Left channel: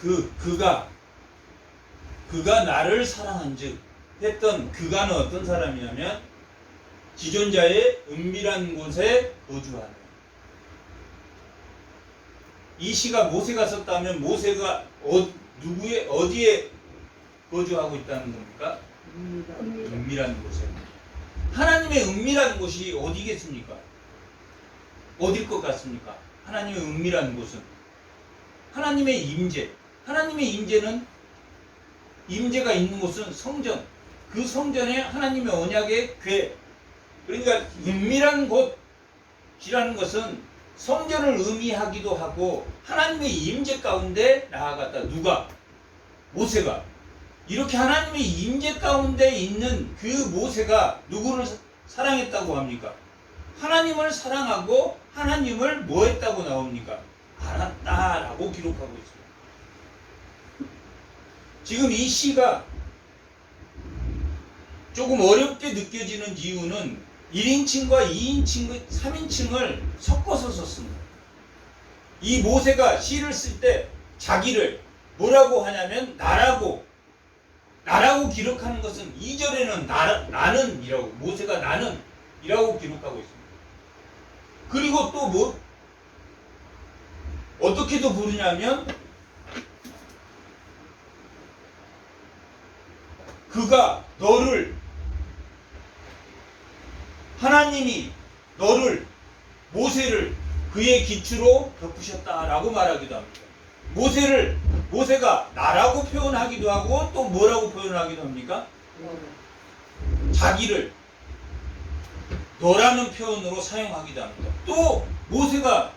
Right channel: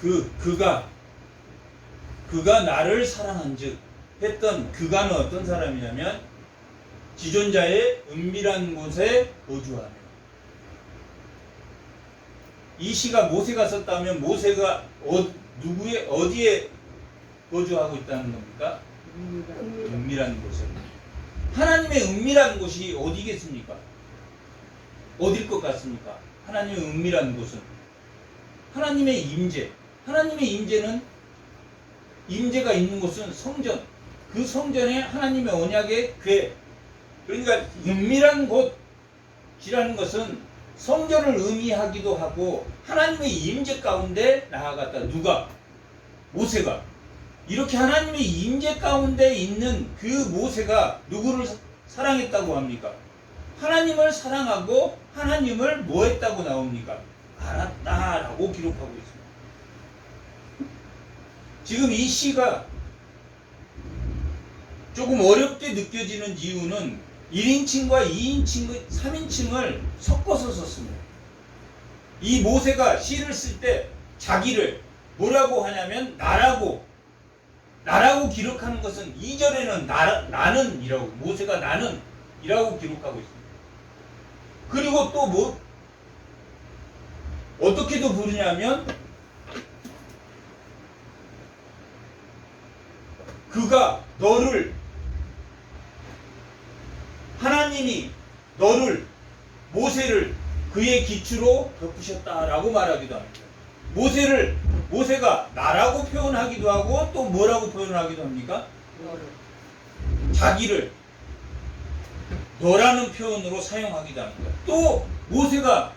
그가 나를 사랑한즉 했던 그가는 어떤 사람이냐면 지존자의 은밀한 곳에 거주하며. 이 시가 모세가 썼다면 모세가 어디에 거주하고 있다는 겁니까? 은밀한 곳에. 하나님의 은밀한 곳이 어디겠습니까? 어딜 것 같습니까? 하나님의 은밀한 곳은 하나님의 임재. 하나님의 임재가 있는 곳은 성전. 그 성전에 하나님의 언약의 궤. 그러니까 은밀한 곳이라는 것은 성전을 의미하기도 하고 하나님의 임재 가운데 나아갔다. 누가? 모세가. 이렇게 하나님의 임재 가운데 있는 그 모세가 누구를 사랑했다고 합니까? 하나님을 사랑하고 하나님을 뭐 했다고 나옵니까? 알았다라고 기록하고 있습니다. 지금 이 시가 조금 어렵게 느껴지는 이유는 1인칭과 2인칭, 3인칭을 섞어서 썼습니다. 이 모세가 시를 쓸 때 자기를 뭐라고 하냐면 나라고 기록하는 것은 2절에는 나는이라고, 모세가 나는이라고 기록하고 있습니다. 그리고 또 어떻게도 부르냐면 그가 하나님이 모세를 그의 기초로 덮으셨다라고 말하기도 합니다. 모세가 나라고 표현하기도 하고 또 뭐라고 표현하기도 합니까? 자기를 너라는 표현으로 사용하기도 합니다. 또 모세가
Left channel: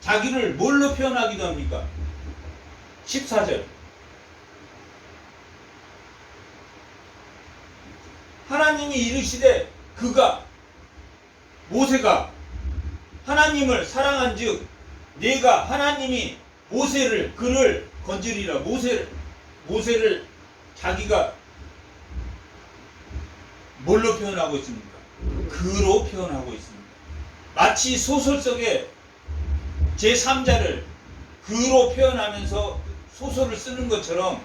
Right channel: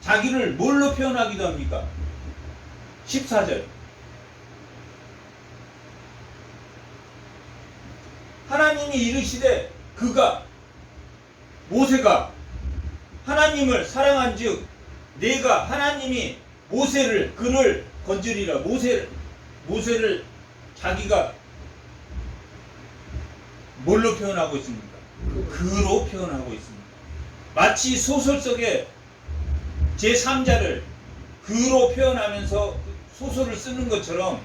자기를 뭘로 표현하기도 합니까? 14절. 하나님이 이르시되 모세가 하나님을 사랑한즉 내가 하나님이 그를 건지리라. 모세를 자기가 뭘로 표현하고 있습니까? 그로 표현하고 있습니다. 마치 소설 속에 제3자를 그로 표현하면서 소설을 쓰는 것처럼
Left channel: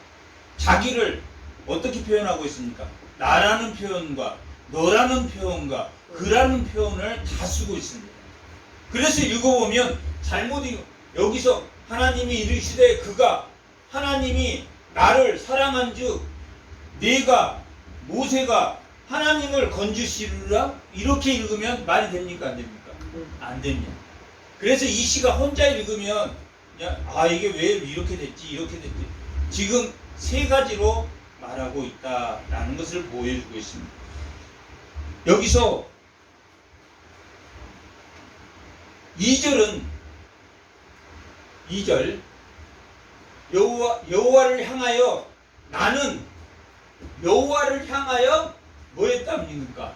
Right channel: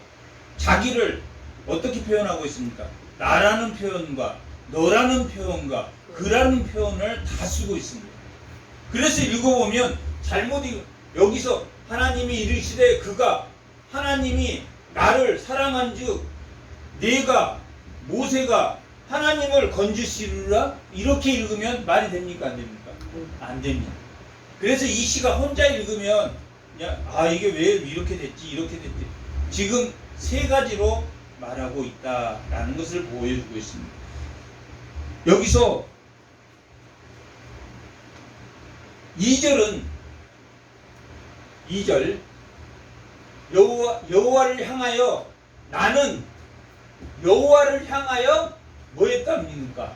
자기를 어떻게 표현하고 있습니까? 나라는 표현과 너라는 표현과 그라는 표현을 다 쓰고 있습니다. 그래서 읽어보면 여기서 하나님이 이르시되 하나님이 나를 사랑한즉 모세가 하나님을 건지시리라. 이렇게 읽으면 말이 됩니까? 안 됩니까? 안 됩니다. 그래서 이 시가 혼자 읽으면 이게 왜 이렇게 됐지? 지금 세 가지로 말하고 있다라는 것을 보여주고 있습니다. 여기서 2절 여호와를 향하여 나는 여호와를 향하여 뭐 했답니까?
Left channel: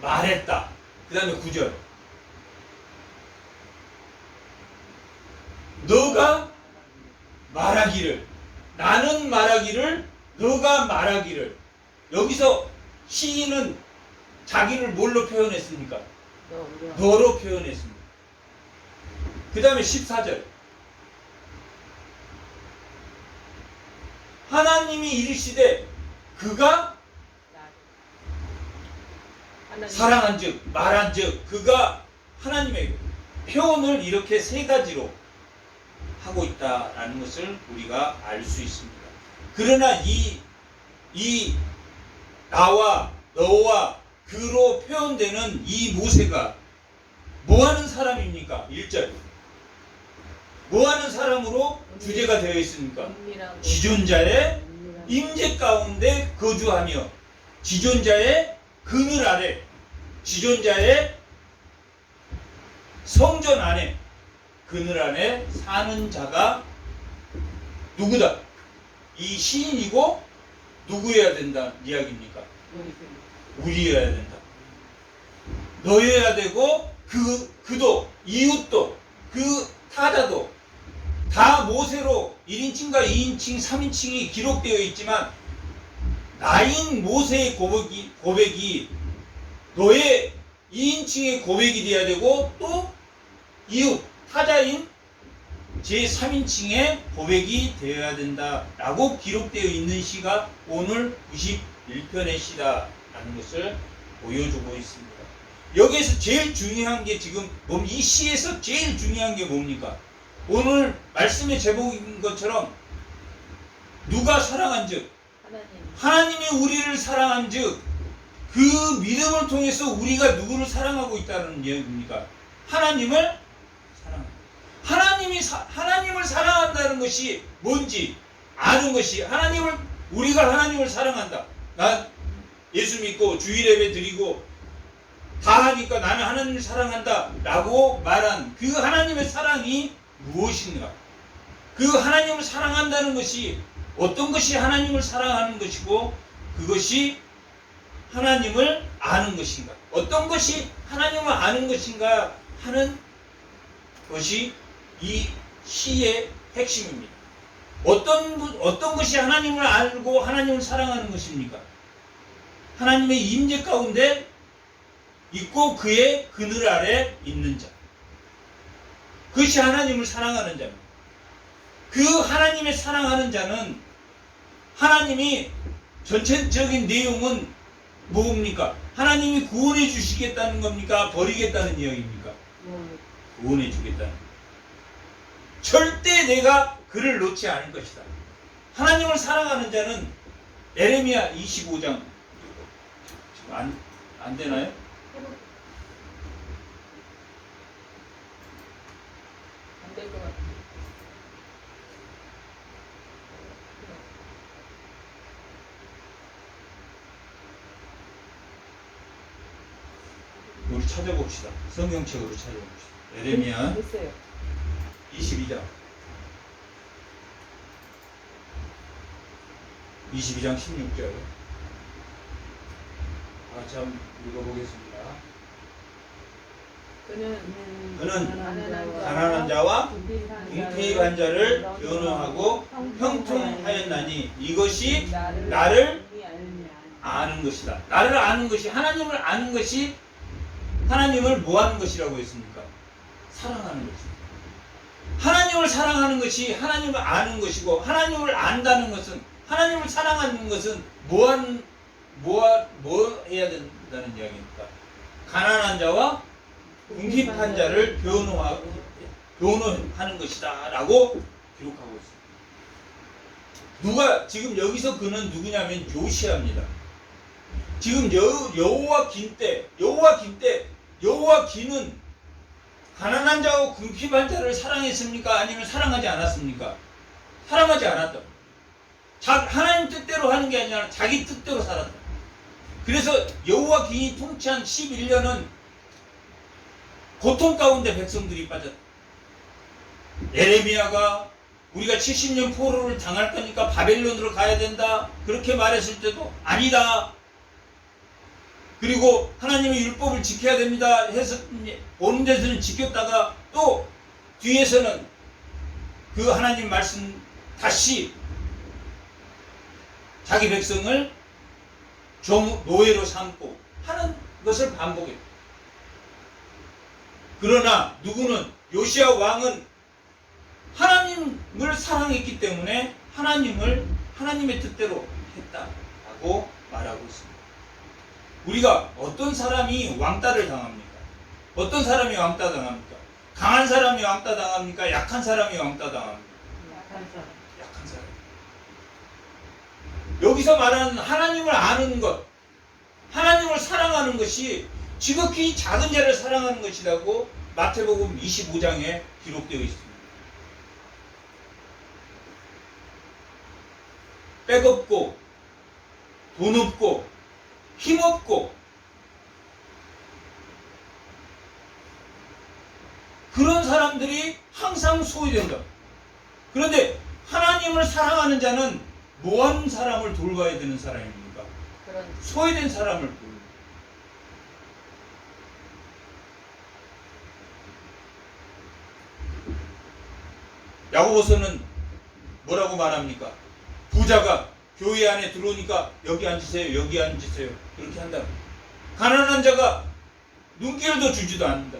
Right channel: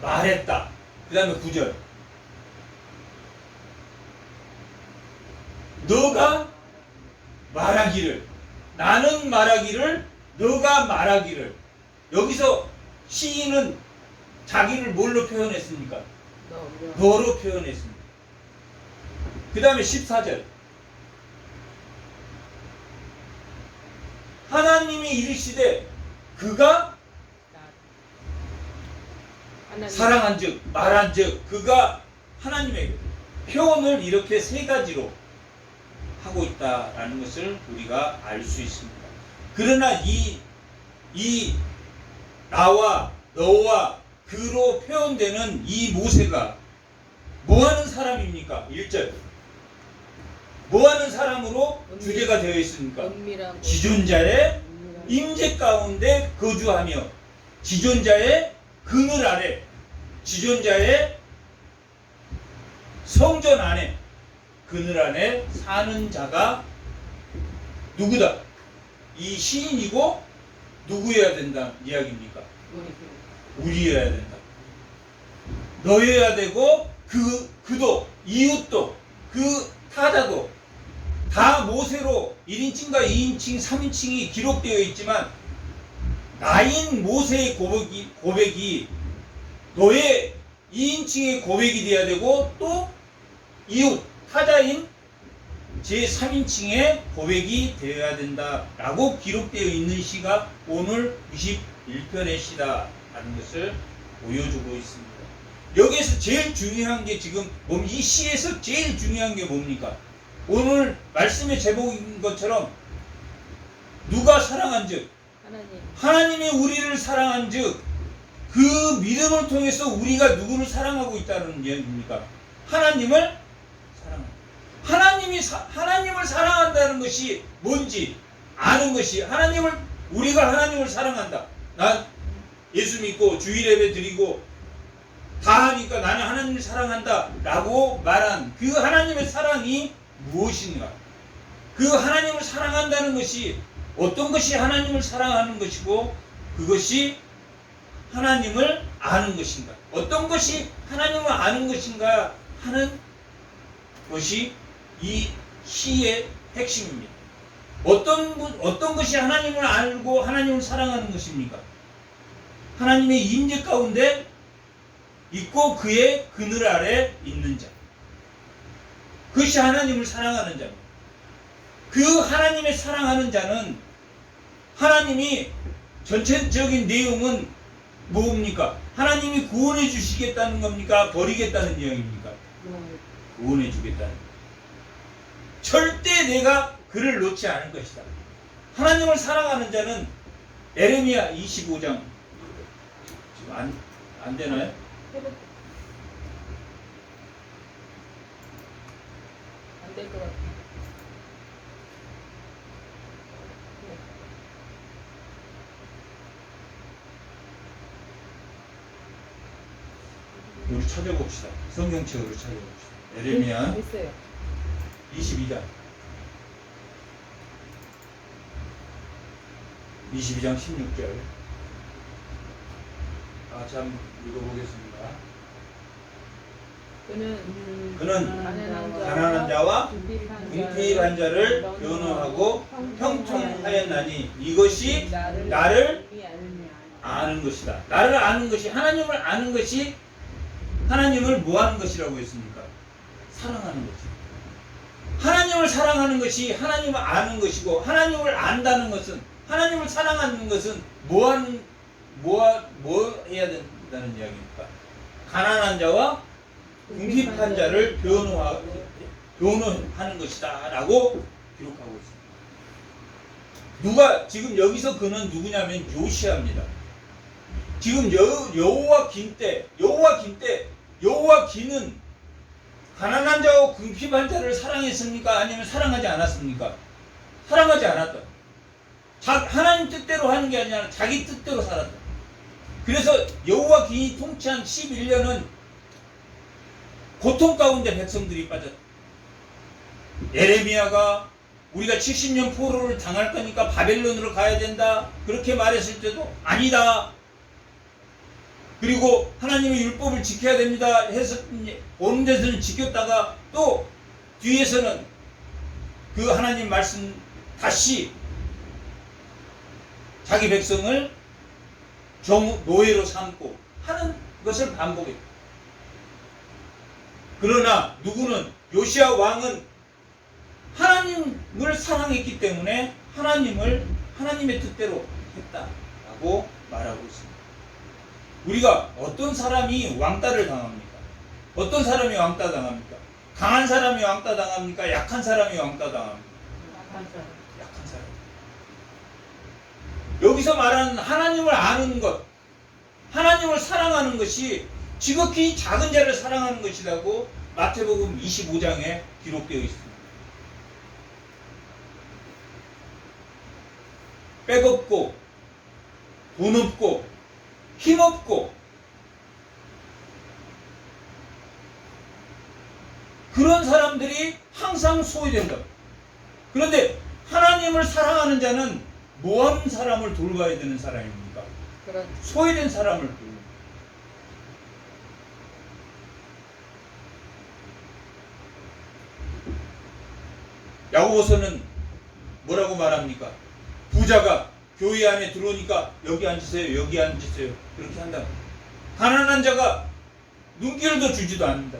말했다. 그 다음에 9절 너가 말하기를, 나는 말하기를, 너가 말하기를. 여기서 시인은 자기를 뭘로 표현했습니까? 너로 표현했습니다. 그 다음에 14절 하나님이 이르시되 그가 사랑한즉 말한즉 그가 하나님의 표현을 이렇게 세 가지로 하고 있다라는 것을 우리가 알 수 있습니다. 그러나 이 나와 너와 그로 표현되는 이 모세가 뭐하는 사람입니까? 1절 뭐하는 사람으로 주제가 되어 있습니까? 지존자의 임재 가운데 거주하며 지존자의 그늘 아래, 지존자의 성전 안에, 그늘 안에 사는 자가 누구다? 이 시인이고 누구여야 된다 이야기입니까? 우리여야 된다. 너여야 되고 그도 이웃도 그 타자도 다 모세로 1인칭과 2인칭, 3인칭이 기록되어 있지만 나인 모세의 고백이 너의 2인칭의 고백이 되어야 되고 또 이웃 타자인 제3인칭의 고백이 되어야 된다라고 기록되어 있는 시가 오늘 91편의 시라는 것을 보여주고 있습니다. 여기에서 제일 중요한 게 지금 이 시에서 제일 중요한 게 뭡니까? 오늘 말씀의 제목인 것처럼 누가 사랑한즉 하나님이 우리를 사랑한즉 그 믿음을 통해서 우리가 누구를 사랑하고 있다는 이야기입니까? 하나님을 사랑합니다. 하나님을 사랑한다는 것이 뭔지 아는 것이 우리가 하나님을 사랑한다. 난 예수 믿고 주일 예배 드리고 다 하니까 나는 하나님을 사랑한다 라고 말한 그 하나님의 사랑이 무엇인가? 그 하나님을 사랑한다는 것이 어떤 것이 하나님을 사랑하는 것이고 그것이 하나님을 아는 것인가? 어떤 것이 하나님을 아는 것인가 하는 것이 이 시의 핵심입니다. 어떤 것이 하나님을 알고 하나님을 사랑하는 것입니까? 하나님의 임재 가운데 있고 그의 그늘 아래 있는 자. 그것이 하나님을 사랑하는 자입니다. 그 하나님의 사랑하는 자는 하나님이 전체적인 내용은 뭡니까? 하나님이 구원해 주시겠다는 겁니까? 버리겠다는 이야기입니까? 구원해 주겠다는 겁니다. 절대 내가 그를 놓지 않을 것이다. 하나님을 사랑하는 자는 에레미야 25장 지금 안 되나요? 안 될 것 같아요. 우리 찾아봅시다. 성경책으로 찾아봅시다. 에레미야 됐어요. 22장 16절. 참 읽어보겠습니다. 그는 가난한 자와 궁핍한 자를 변호하고 형통하였나니 이것이 나를 아는 것이다. 나를 아는 것이 하나님을 아는 것이 하나님을 뭐하는 것이라고 했습니까? 사랑하는 것입니다. 하나님을 사랑하는 것이 하나님을 아는 것이고 하나님을 안다는 것은 하나님을 사랑하는 것은 뭐 해야 된다는 이야기입니까? 가난한 자와 궁핍한 자를 변호하는 것이다 라고 기록하고 있습니다. 누가 지금 여기서 그는 누구냐면 요시아입니다. 지금 여호와긴은 가난한 자와 궁핍한 자를 사랑했습니까? 아니면 사랑하지 않았습니까? 사랑하지 않았다. 하나님 뜻대로 하는 게 아니라 자기 뜻대로 살았다. 그래서 여호와긴이 통치한 11년은 고통 가운데 백성들이 빠졌다. 에레미야가 우리가 70년 포로를 당할 거니까 바벨론으로 가야 된다 그렇게 말했을 때도 아니다. 그리고 하나님의 율법을 지켜야 됩니다 해서 오는 데서는 지켰다가 또 뒤에서는 그 하나님 말씀 다시 자기 백성을 노예로 삼고 하는 것을 반복했다. 그러나 누구는 요시야 왕은 하나님을 사랑했기 때문에 하나님의 뜻대로 했다라고 말하고 있습니다. 우리가 어떤 사람이 왕따를 당합니까? 어떤 사람이 왕따 당합니까? 강한 사람이 왕따 당합니까? 약한 사람이 왕따 당합니까? 약한 사람. 여기서 말하는 하나님을 아는 것, 하나님을 사랑하는 것이 지극히 작은 자를 사랑하는 것이라고 마태복음 25장에 기록되어 있습니다. 백 없고 돈 없고 힘없고 그런 사람들이 항상 소외된다. 그런데 하나님을 사랑하는 자는 뭐하는 사람을 돌봐야 되는 사람입니까? 소외된 사람을 돌봐야. 야고보서는 뭐라고 말합니까? 부자가 교회 안에 들어오니까 여기 앉으세요, 여기 앉으세요 그렇게 한다. 가난한 자가 눈길도 주지도 않는다.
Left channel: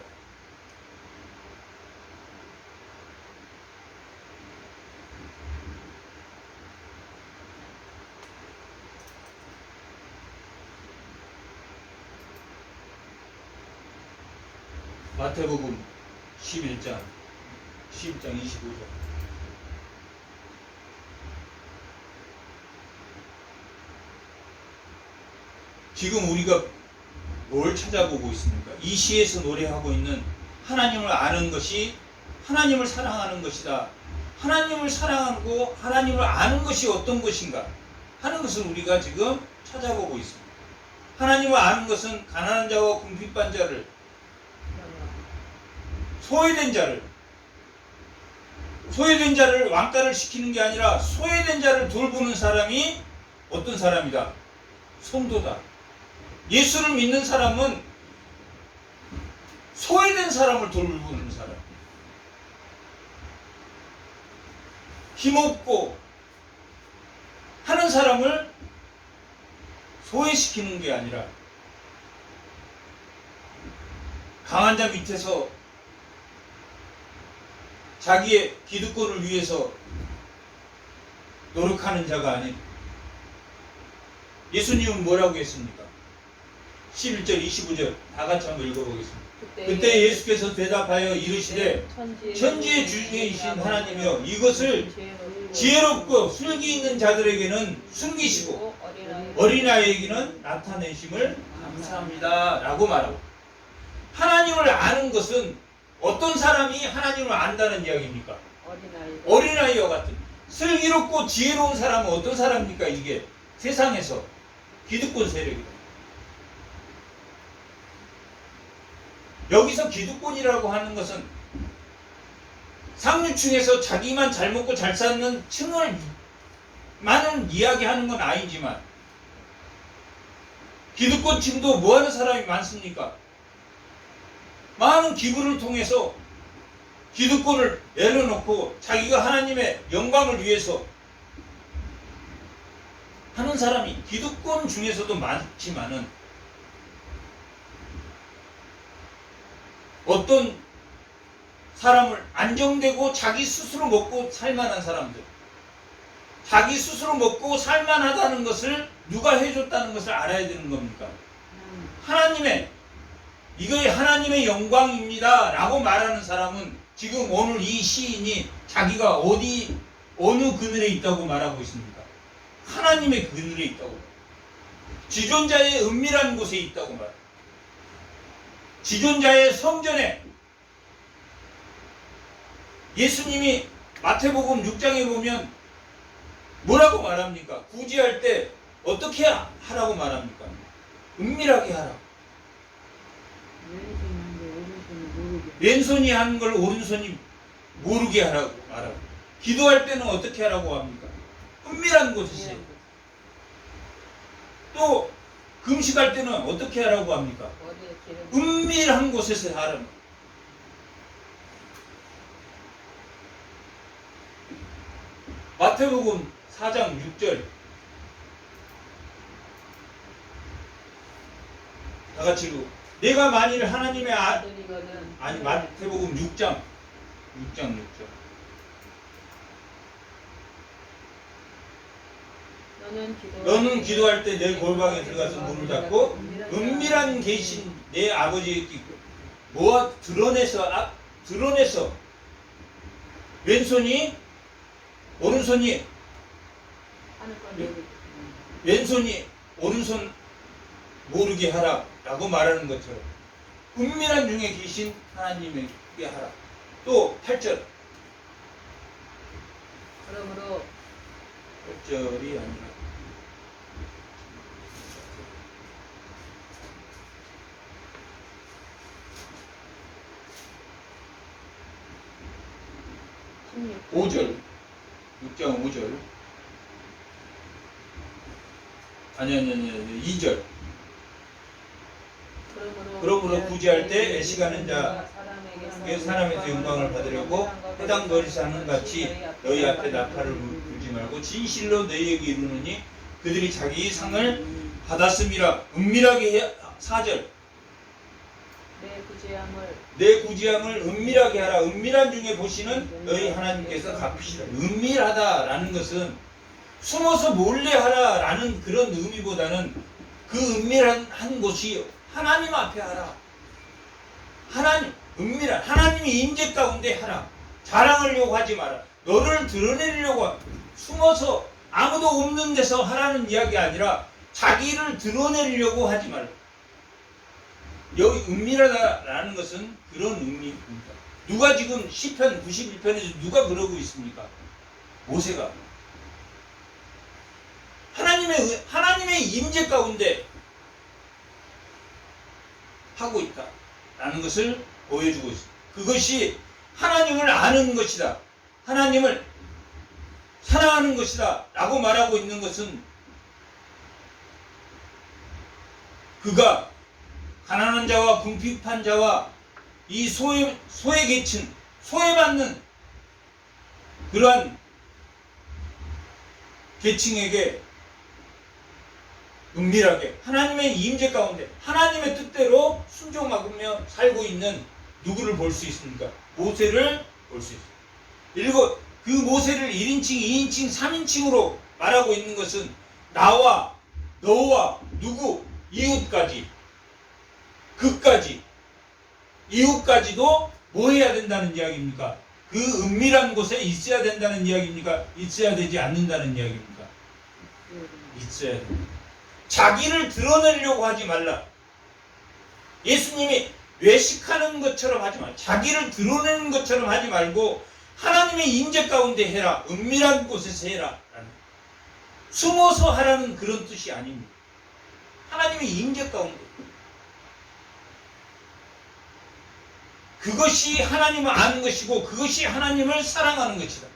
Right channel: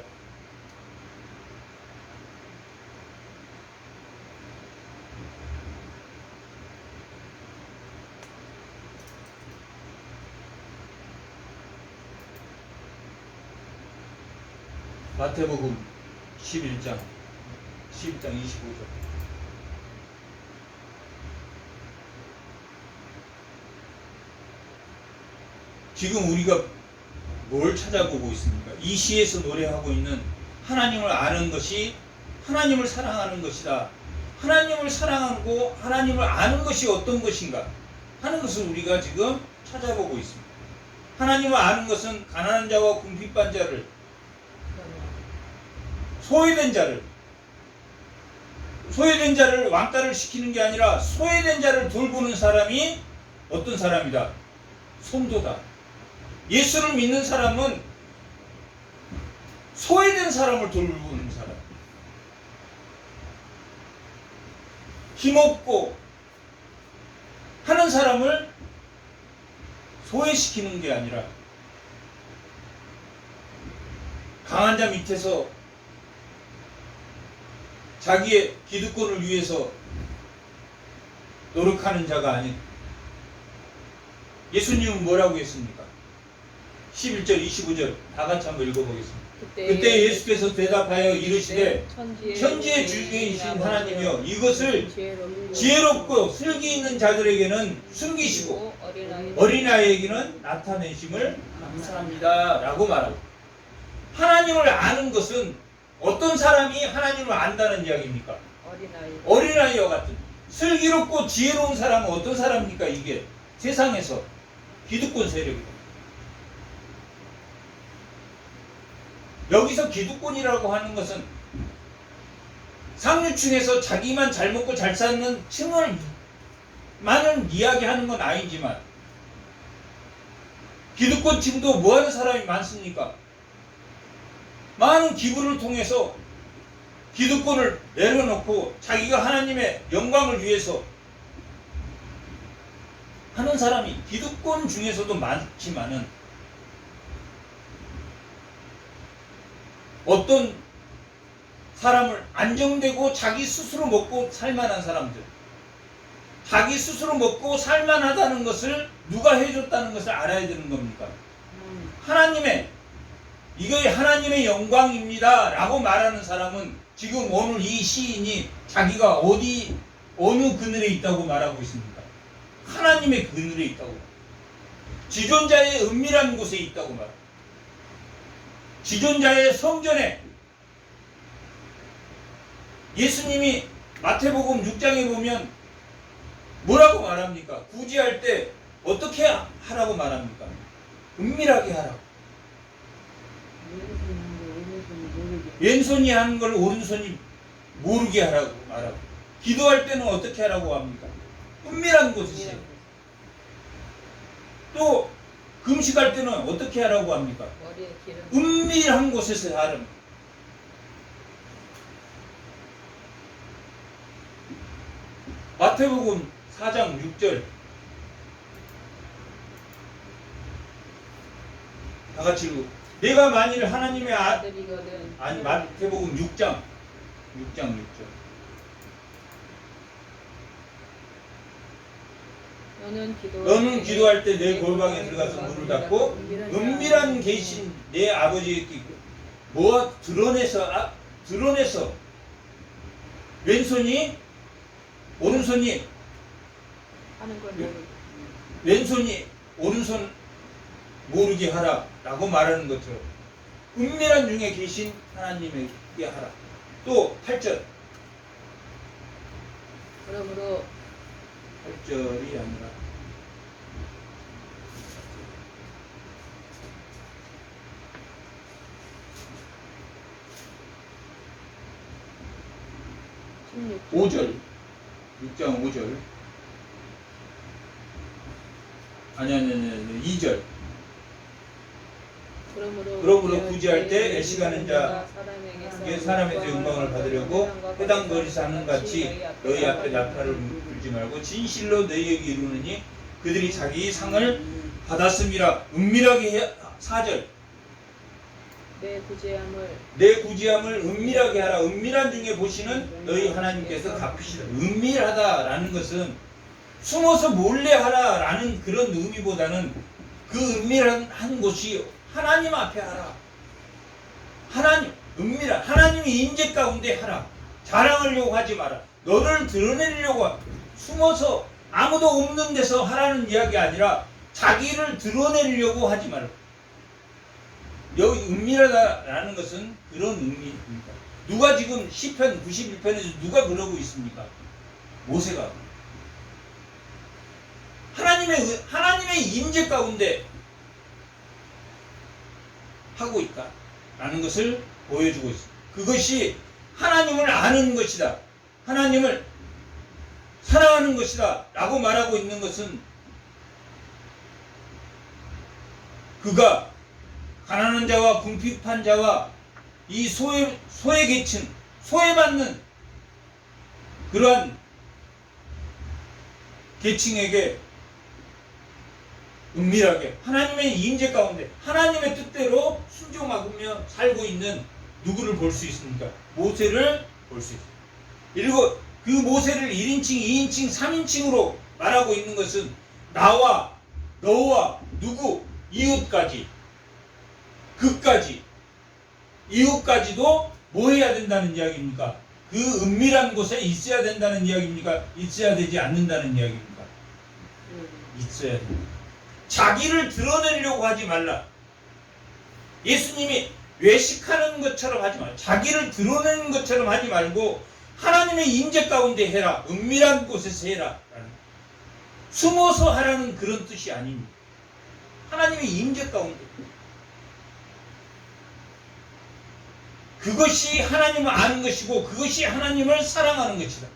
마태복음 11장 25절. 지금 우리가 뭘 찾아보고 있습니까? 이 시에서 노래하고 있는 하나님을 아는 것이 하나님을 사랑하는 것이다. 하나님을 사랑하고 하나님을 아는 것이 어떤 것인가 하는 것을 우리가 지금 찾아보고 있습니다. 하나님을 아는 것은 가난한 자와 궁핍한 자를, 소외된 자를 왕따를 시키는 게 아니라 소외된 자를 돌보는 사람이 어떤 사람이다? 성도다. 예수를 믿는 사람은 소외된 사람을 돌보는 사람. 힘없고 하는 사람을 소외시키는 게 아니라 강한 자 밑에서 자기의 기득권을 위해서 노력하는 자가 아닌, 예수님은 뭐라고 했습니까? 11절 25절 다 같이 한번 읽어보겠습니다. 그때 예수께서 대답하여 이르시되 천지의 주인이신 하나님이여 이것을 지혜롭고 슬기 있는 자들에게는 숨기시고 어린아이에게는 나타내심을 감사합니다 라고 말하고, 하나님을 아는 것은 어떤 사람이 하나님을 안다는 이야기입니까? 어린아이와 같은 슬기롭고 지혜로운 사람은 어떤 사람입니까? 이게 세상에서 기득권 세력이다. 여기서 기득권이라고 하는 것은 상류층에서 자기만 잘 먹고 잘 사는 층을 많은 이야기하는 건 아니지만, 기득권층도 뭐하는 사람이 많습니까? 많은 기부를 통해서 기득권을 내려놓고 자기가 하나님의 영광을 위해서 하는 사람이 기득권 중에서도 많지만은, 어떤 사람을 안정되고 자기 스스로 먹고 살만한 사람들, 자기 스스로 먹고 살만하다는 것을 누가 해줬다는 것을 알아야 되는 겁니까? 하나님의, 이거의 하나님의 영광입니다 라고 말하는 사람은 지금 오늘 이 시인이 자기가 어느 그늘에 있다고 말하고 있습니까? 하나님의 그늘에 있다고, 지존자의 은밀한 곳에 있다고 말합니다. 지존자의 성전에, 예수님이 마태복음 6장에 보면 뭐라고 말합니까? 구제할 때 어떻게 하라고 말합니까? 은밀하게 하라. 왼손이 하는 걸 오른손이 모르게 하라고 말하고, 기도할 때는 어떻게 하라고 합니까? 은밀한 곳이지. 또 금식할 때는 어떻게 하라고 합니까? 은밀한 곳에서 하라고. 마태복음 4장 6절 다 같이 읽고, 내가 만일 하나님의 아니 마태복음 6장 6절 너는 기도할 때 내 골방에 들어가서 문을 닫고 은밀한 계신 내 아버지에게 뭐가 드러내서 왼손이 오른손이 오른손 모르게 하라 라고 말하는 것처럼 은밀한 중에 계신 하나님에게 하라. 또 8절, 그러므로 8절이 아니라 5절, 6장 5절, 아니 2절. 그러므로 구제할 때 애식하는 자 사람에게 영광을 받으려고 회당 거리에서 하는 같이 너희 앞에 나팔을 불지 말고 진실로 너희에게 이르노니 그들이 자기 상을 받았음이라. 은밀하게 해. 4절, 내 구제함을 은밀하게 하라. 은밀한 중에 보시는 너희 하나님께서 갚으시라. 은밀하다라는 것은 숨어서 몰래 하라라는 그런 의미보다는 그 은밀한 곳이 하나님 앞에 하라. 하나님, 은밀한 하나님의 임재 가운데 하라. 자랑하려고 하지 마라. 너를 드러내려고 숨어서 아무도 없는 데서 하라는 이야기 아니라 자기를 드러내려고 하지 마라. 여기 은밀하다라는 것은 그런 의미입니다. 누가 지금 시편 91편에서 누가 그러고 있습니까? 모세가 하나님의 임재 가운데 하고 있다라는 것을 보여주고 있습니다. 그것이 하나님을 아는 것이다. 하나님을 사랑하는 것이다 라고 말하고 있는 것은 그가 가난한 자와 궁핍한 자와 이 소외계층, 소외받는 그러한 계층에게 은밀하게 하나님의 임재 가운데 하나님의 뜻대로 순종하며 살고 있는 누구를 볼 수 있습니까? 모세를 볼 수 있습니다. 그 모세를 1인칭, 2인칭, 3인칭으로 말하고 있는 것은 나와 너와 누구, 이웃까지, 그까지, 이웃까지도 뭐 해야 된다는 이야기입니까? 그 은밀한 곳에 있어야 된다는 이야기입니까? 있어야 되지 않는다는 이야기입니까? 있어야 된다. 자기를 드러내려고 하지 말라. 예수님이 외식하는 것처럼 하지 말라. 자기를 드러내는 것처럼 하지 말고 하나님의 임재 가운데 해라. 은밀한 곳에서 해라. 숨어서 하라는 그런 뜻이 아닙니다. 하나님의 임재 가운데. 그것이 하나님을 아는 것이고 그것이 하나님을 사랑하는 것이다.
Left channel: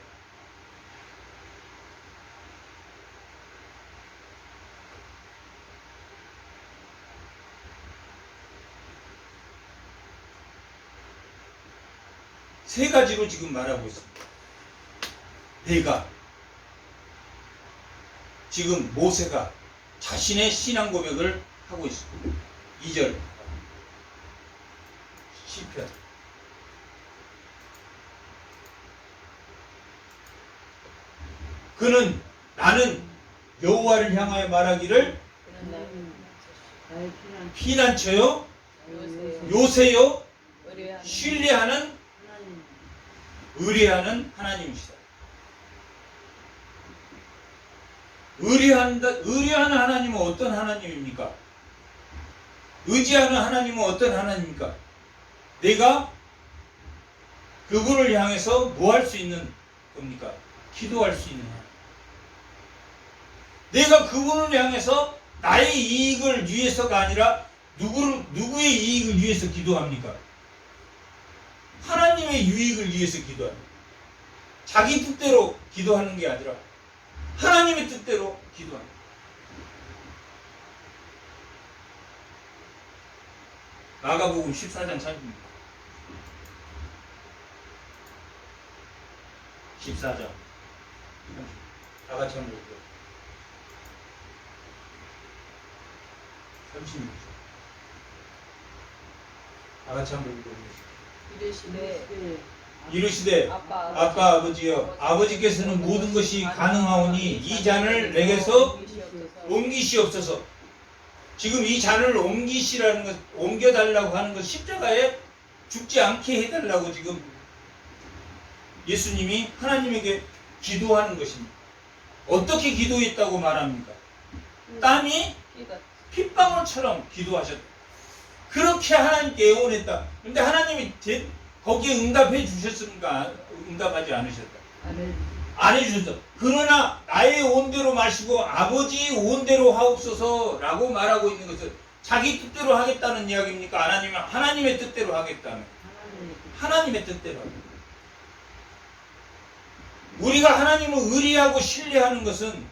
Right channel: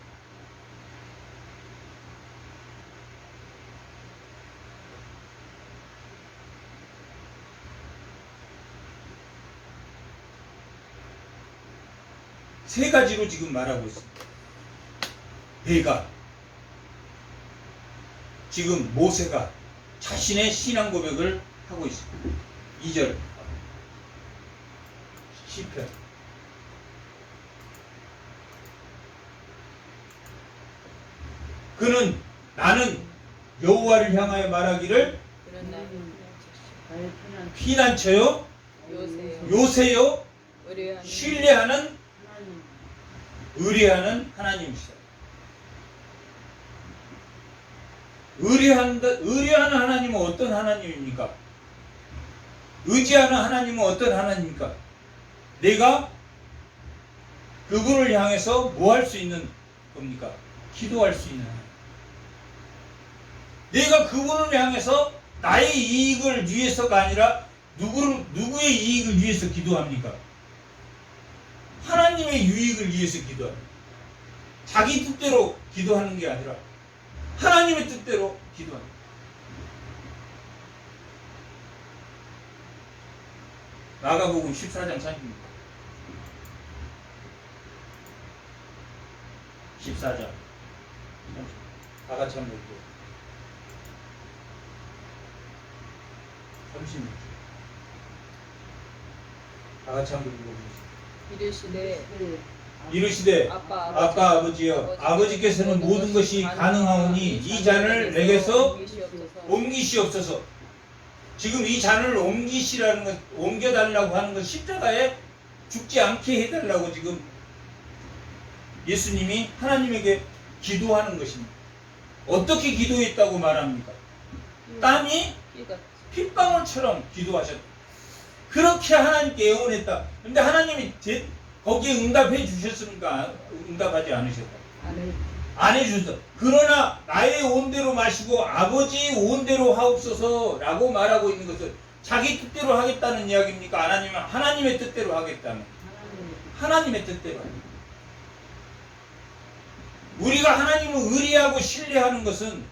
세 가지로 지금 말하고 있습니다. 내가 지금 모세가 자신의 신앙 고백을 하고 있습니다. 2절 시편 그는 나는 여호와를 향하여 말하기를 피난처요 요새요 신뢰하는 의뢰하는 하나님이시다. 의뢰하는 하나님은 어떤 하나님입니까? 의지하는 하나님은 어떤 하나님입니까? 내가 그분을 향해서 뭐 할 수 있는 겁니까? 기도할 수 있는 하나님. 내가 그분을 향해서 나의 이익을 위해서가 아니라 누구의 이익을 위해서 기도합니까? 하나님의 유익을 위해서 기도합니다. 자기 뜻대로 기도하는 게 아니라 하나님의 뜻대로 기도합니다. 마가복음 14장 30절 14장 30절 다 같이 한번 읽어요. 36절 다 같이 한번 읽어보겠습니다. 이르시되 아빠 아버지여 아버지께서는 모든 것이 가능하오니 이 잔을 내게서 옮기시옵소서. 지금 이 잔을 옮기시라는 것, 옮겨달라고 하는 것, 십자가에 죽지 않게 해달라고 지금 예수님이 하나님에게 기도하는 것입니다. 어떻게 기도했다고 말합니까? 땀이 핏방울처럼 기도하셨다. 그렇게 하나님께 애원했다. 근데 하나님이 거기에 응답해 주셨습니까? 응답하지 않으셨다. 안 해주셨다. 그러나 나의 온대로 마시고 아버지의 온대로 하옵소서 라고 말하고 있는 것은 자기 뜻대로 하겠다는 이야기입니까? 아니면 하나님의 뜻대로 하겠다는? 하나님의 뜻대로 하겠다. 우리가 하나님을 의리하고 신뢰하는 것은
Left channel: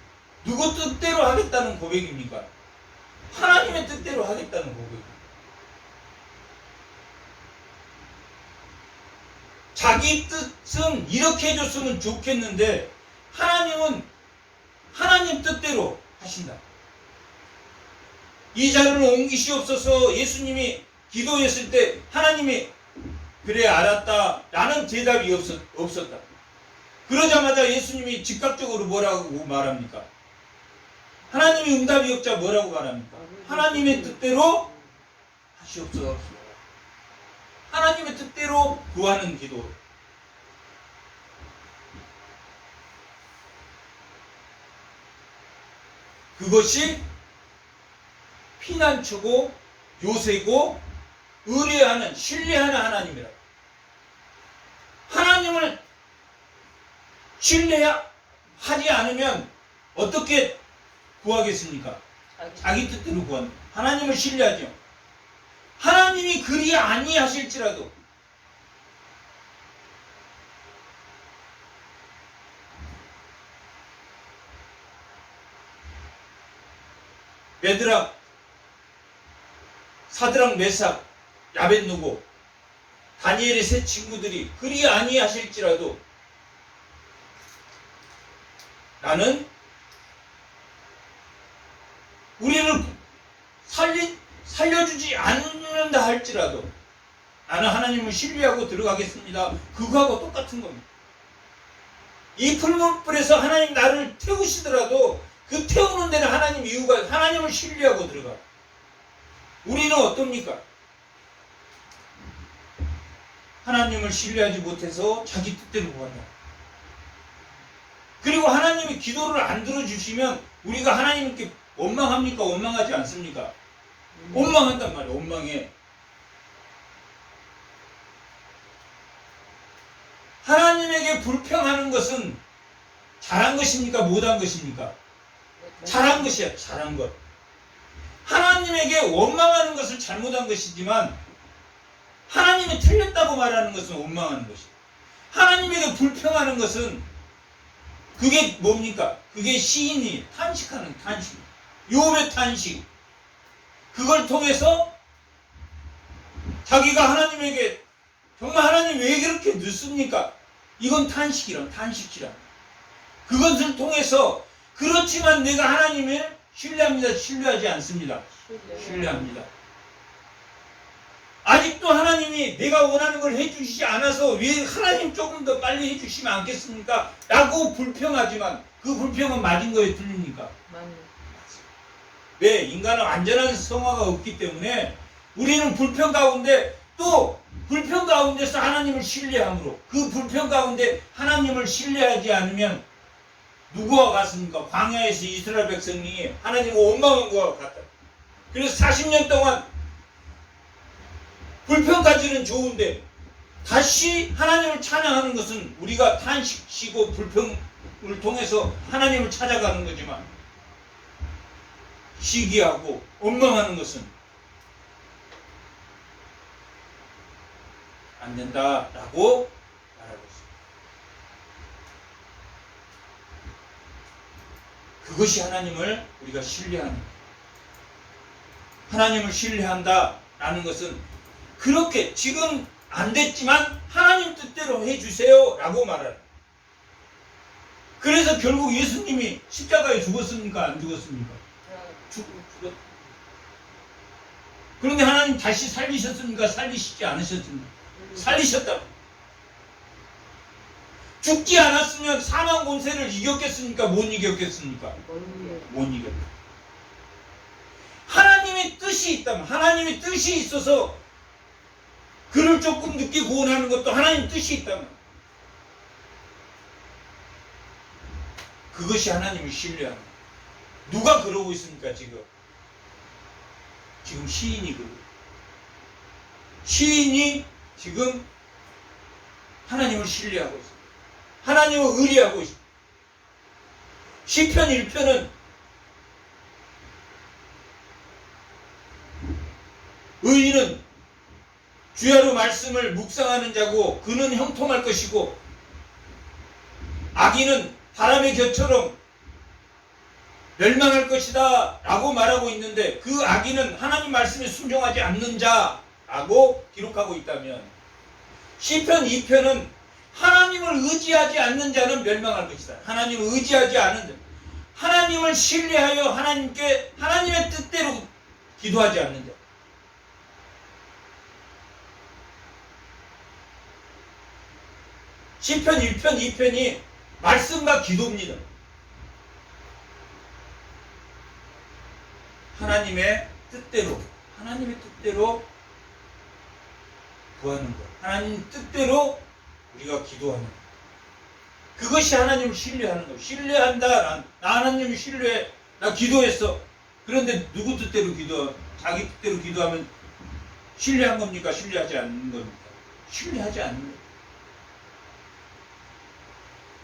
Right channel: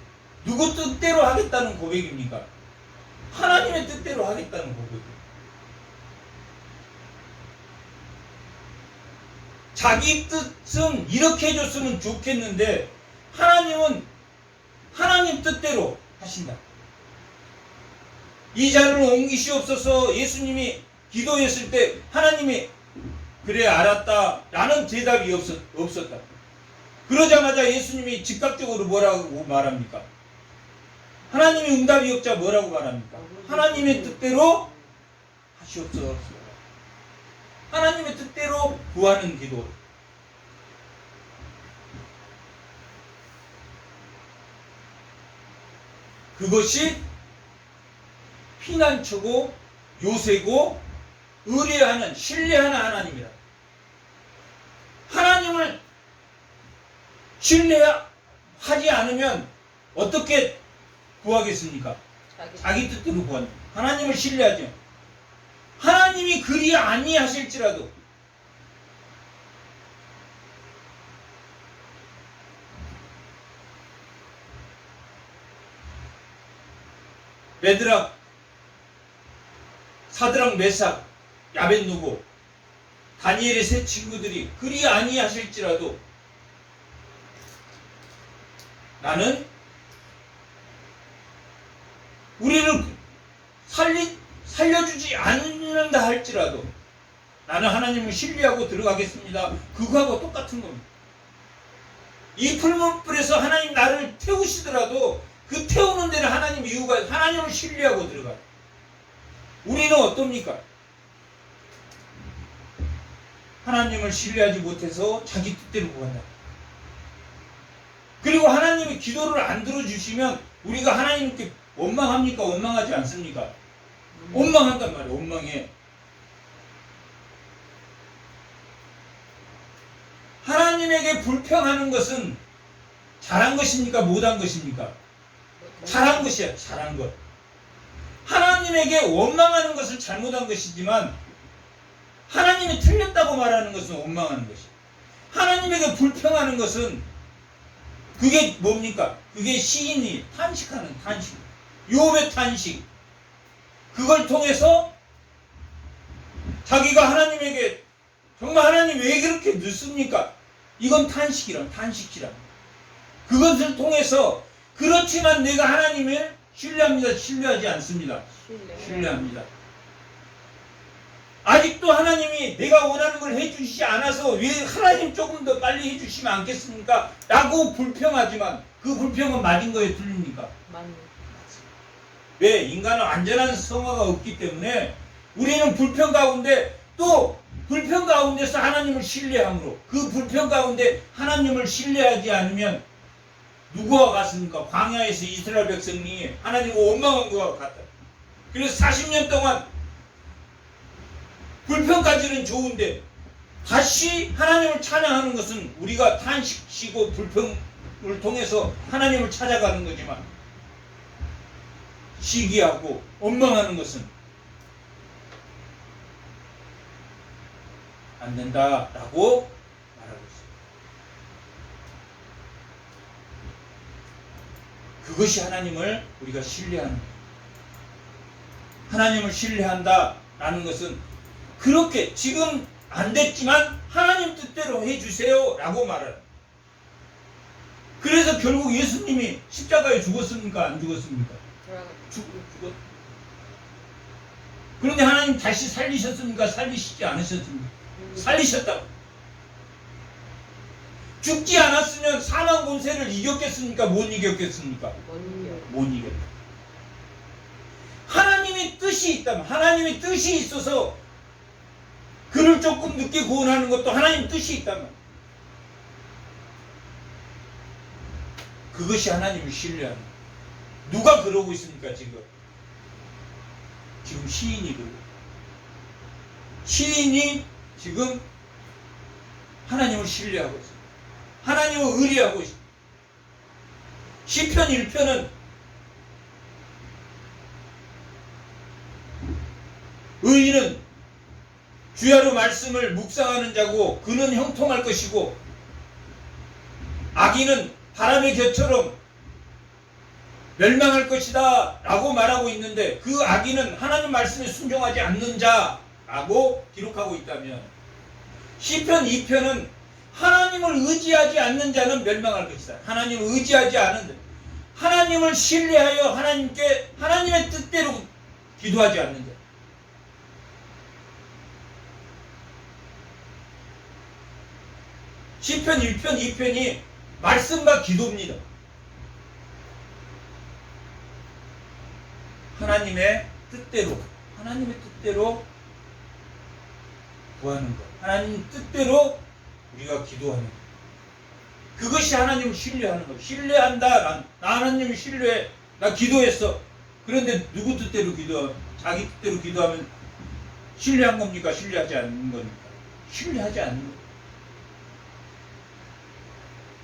누구 뜻대로 하겠다는 고백입니까? 하나님의 뜻대로 하겠다는 고백입니다. 자기 뜻은 이렇게 해줬으면 좋겠는데 하나님은 하나님 뜻대로 하신다. 이 잔을 옮기시옵소서. 예수님이 기도했을 때 하나님이 그래 알았다 라는 대답이 없었다. 그러자마자 예수님이 즉각적으로 뭐라고 말합니까? 하나님이 응답이 없자 뭐라고 말합니까? 하나님의 뜻대로 하시옵소서. 하나님의 뜻대로 구하는 기도. 그것이 피난처고 요새고 의뢰하는 신뢰하는 하나님이라. 하나님을 신뢰하지 않으면 어떻게 구하겠습니까? 자기 뜻대로 구한다. 하나님을 신뢰하죠. 하나님이 그리 아니하실지라도 베드락, 사드락, 메삭, 야벳누고, 다니엘의 세 친구들이 그리 아니하실지라도 나는 우리를 살려주지 않는다 할지라도 나는 하나님을 신뢰하고 들어가겠습니다. 그거하고 똑같은 겁니다. 이 풀무불에서 하나님 나를 태우시더라도 그 태우는 데는 하나님 이유가 하나님을 신뢰하고 들어가요. 우리는 어떻습니까? 하나님을 신뢰하지 못해서 자기 뜻대로 구한다. 그리고 하나님이 기도를 안 들어주시면 우리가 하나님께 원망합니까? 원망하지 않습니까? 원망한단 말이에요. 원망해. 하나님에게 불평하는 것은 잘한 것입니까? 못한 것입니까? 잘한 것이야. 잘한 것. 하나님에게 원망하는 것은 잘못한 것이지만 하나님이 틀렸다고 말하는 것은 원망하는 것이야. 하나님에게 불평하는 것은 그게 뭡니까? 그게 시인이 탄식하는 탄식. 욥의 탄식. 그걸 통해서 자기가 하나님에게 정말 하나님 왜 그렇게 늦습니까? 이건 탄식이란 탄식이란. 그것을 통해서 그렇지만 내가 하나님을 신뢰합니다. 신뢰하지 않습니다. 신뢰합니다. 아직도 하나님이 내가 원하는 걸 해주시지 않아서 왜 하나님 조금 더 빨리 해주시면 않겠습니까? 라고 불평하지만 그 불평은 맞은 거에 틀립니까? 왜? 인간은 완전한 성화가 없기 때문에 우리는 불평 가운데 또 불평 가운데서 하나님을 신뢰함으로 그 불평 가운데 하나님을 신뢰하지 않으면 누구와 같습니까? 광야에서 이스라엘 백성이 하나님을 원망한 것과 같다. 그래서 40년 동안 불평까지는 좋은데 다시 하나님을 찬양하는 것은 우리가 탄식시고 불평을 통해서 하나님을 찾아가는 거지만 시기하고 원망하는 것은 안 된다라고 말하고 있습니다. 그것이 하나님을 우리가 신뢰하는 거예요. 하나님을 신뢰한다라는 것은 그렇게 지금 안 됐지만 하나님 뜻대로 해주세요 라고 말하는. 그래서 결국 예수님이 십자가에 죽었습니까? 안 죽었습니까? 죽었. 그런데 하나님 다시 살리셨습니까? 살리시지 않으셨습니까? 살리셨다. 죽지 않았으면 사망 권세를 이겼겠습니까? 못 이겼겠습니까? 못 이겼다. 하나님의 뜻이 있다면, 하나님의 뜻이 있어서 그를 조금 늦게 구원하는 것도 하나님 뜻이 있다면 그것이 하나님을 신뢰하는. 누가 그러고 있습니까? 지금 시인이 그러고. 시인이 지금 하나님을 신뢰하고 있습니다. 하나님을 의뢰하고 있습니다. 시편 1편은 의인은 주야로 말씀을 묵상하는 자고 그는 형통할 것이고 악인은 바람의 겨처럼 멸망할 것이다 라고 말하고 있는데 그 악인은 하나님 말씀에 순종하지 않는 자라고 기록하고 있다면 시편 2편은 하나님을 의지하지 않는 자는 멸망할 것이다. 하나님을 의지하지 않는 자, 하나님을 신뢰하여 하나님의 뜻대로 기도하지 않는 자. 시편 1편, 2편이 말씀과 기도입니다. 하나님의 뜻대로 구하는 것. 하나님 뜻대로 우리가 기도하는 것. 그것이 하나님을 신뢰하는 것. 신뢰한다. 나 하나님을 신뢰해. 나 기도했어. 그런데 누구 뜻대로 자기 뜻대로 기도하면 신뢰한 겁니까? 신뢰하지 않는 겁니까? 신뢰하지 않는 것.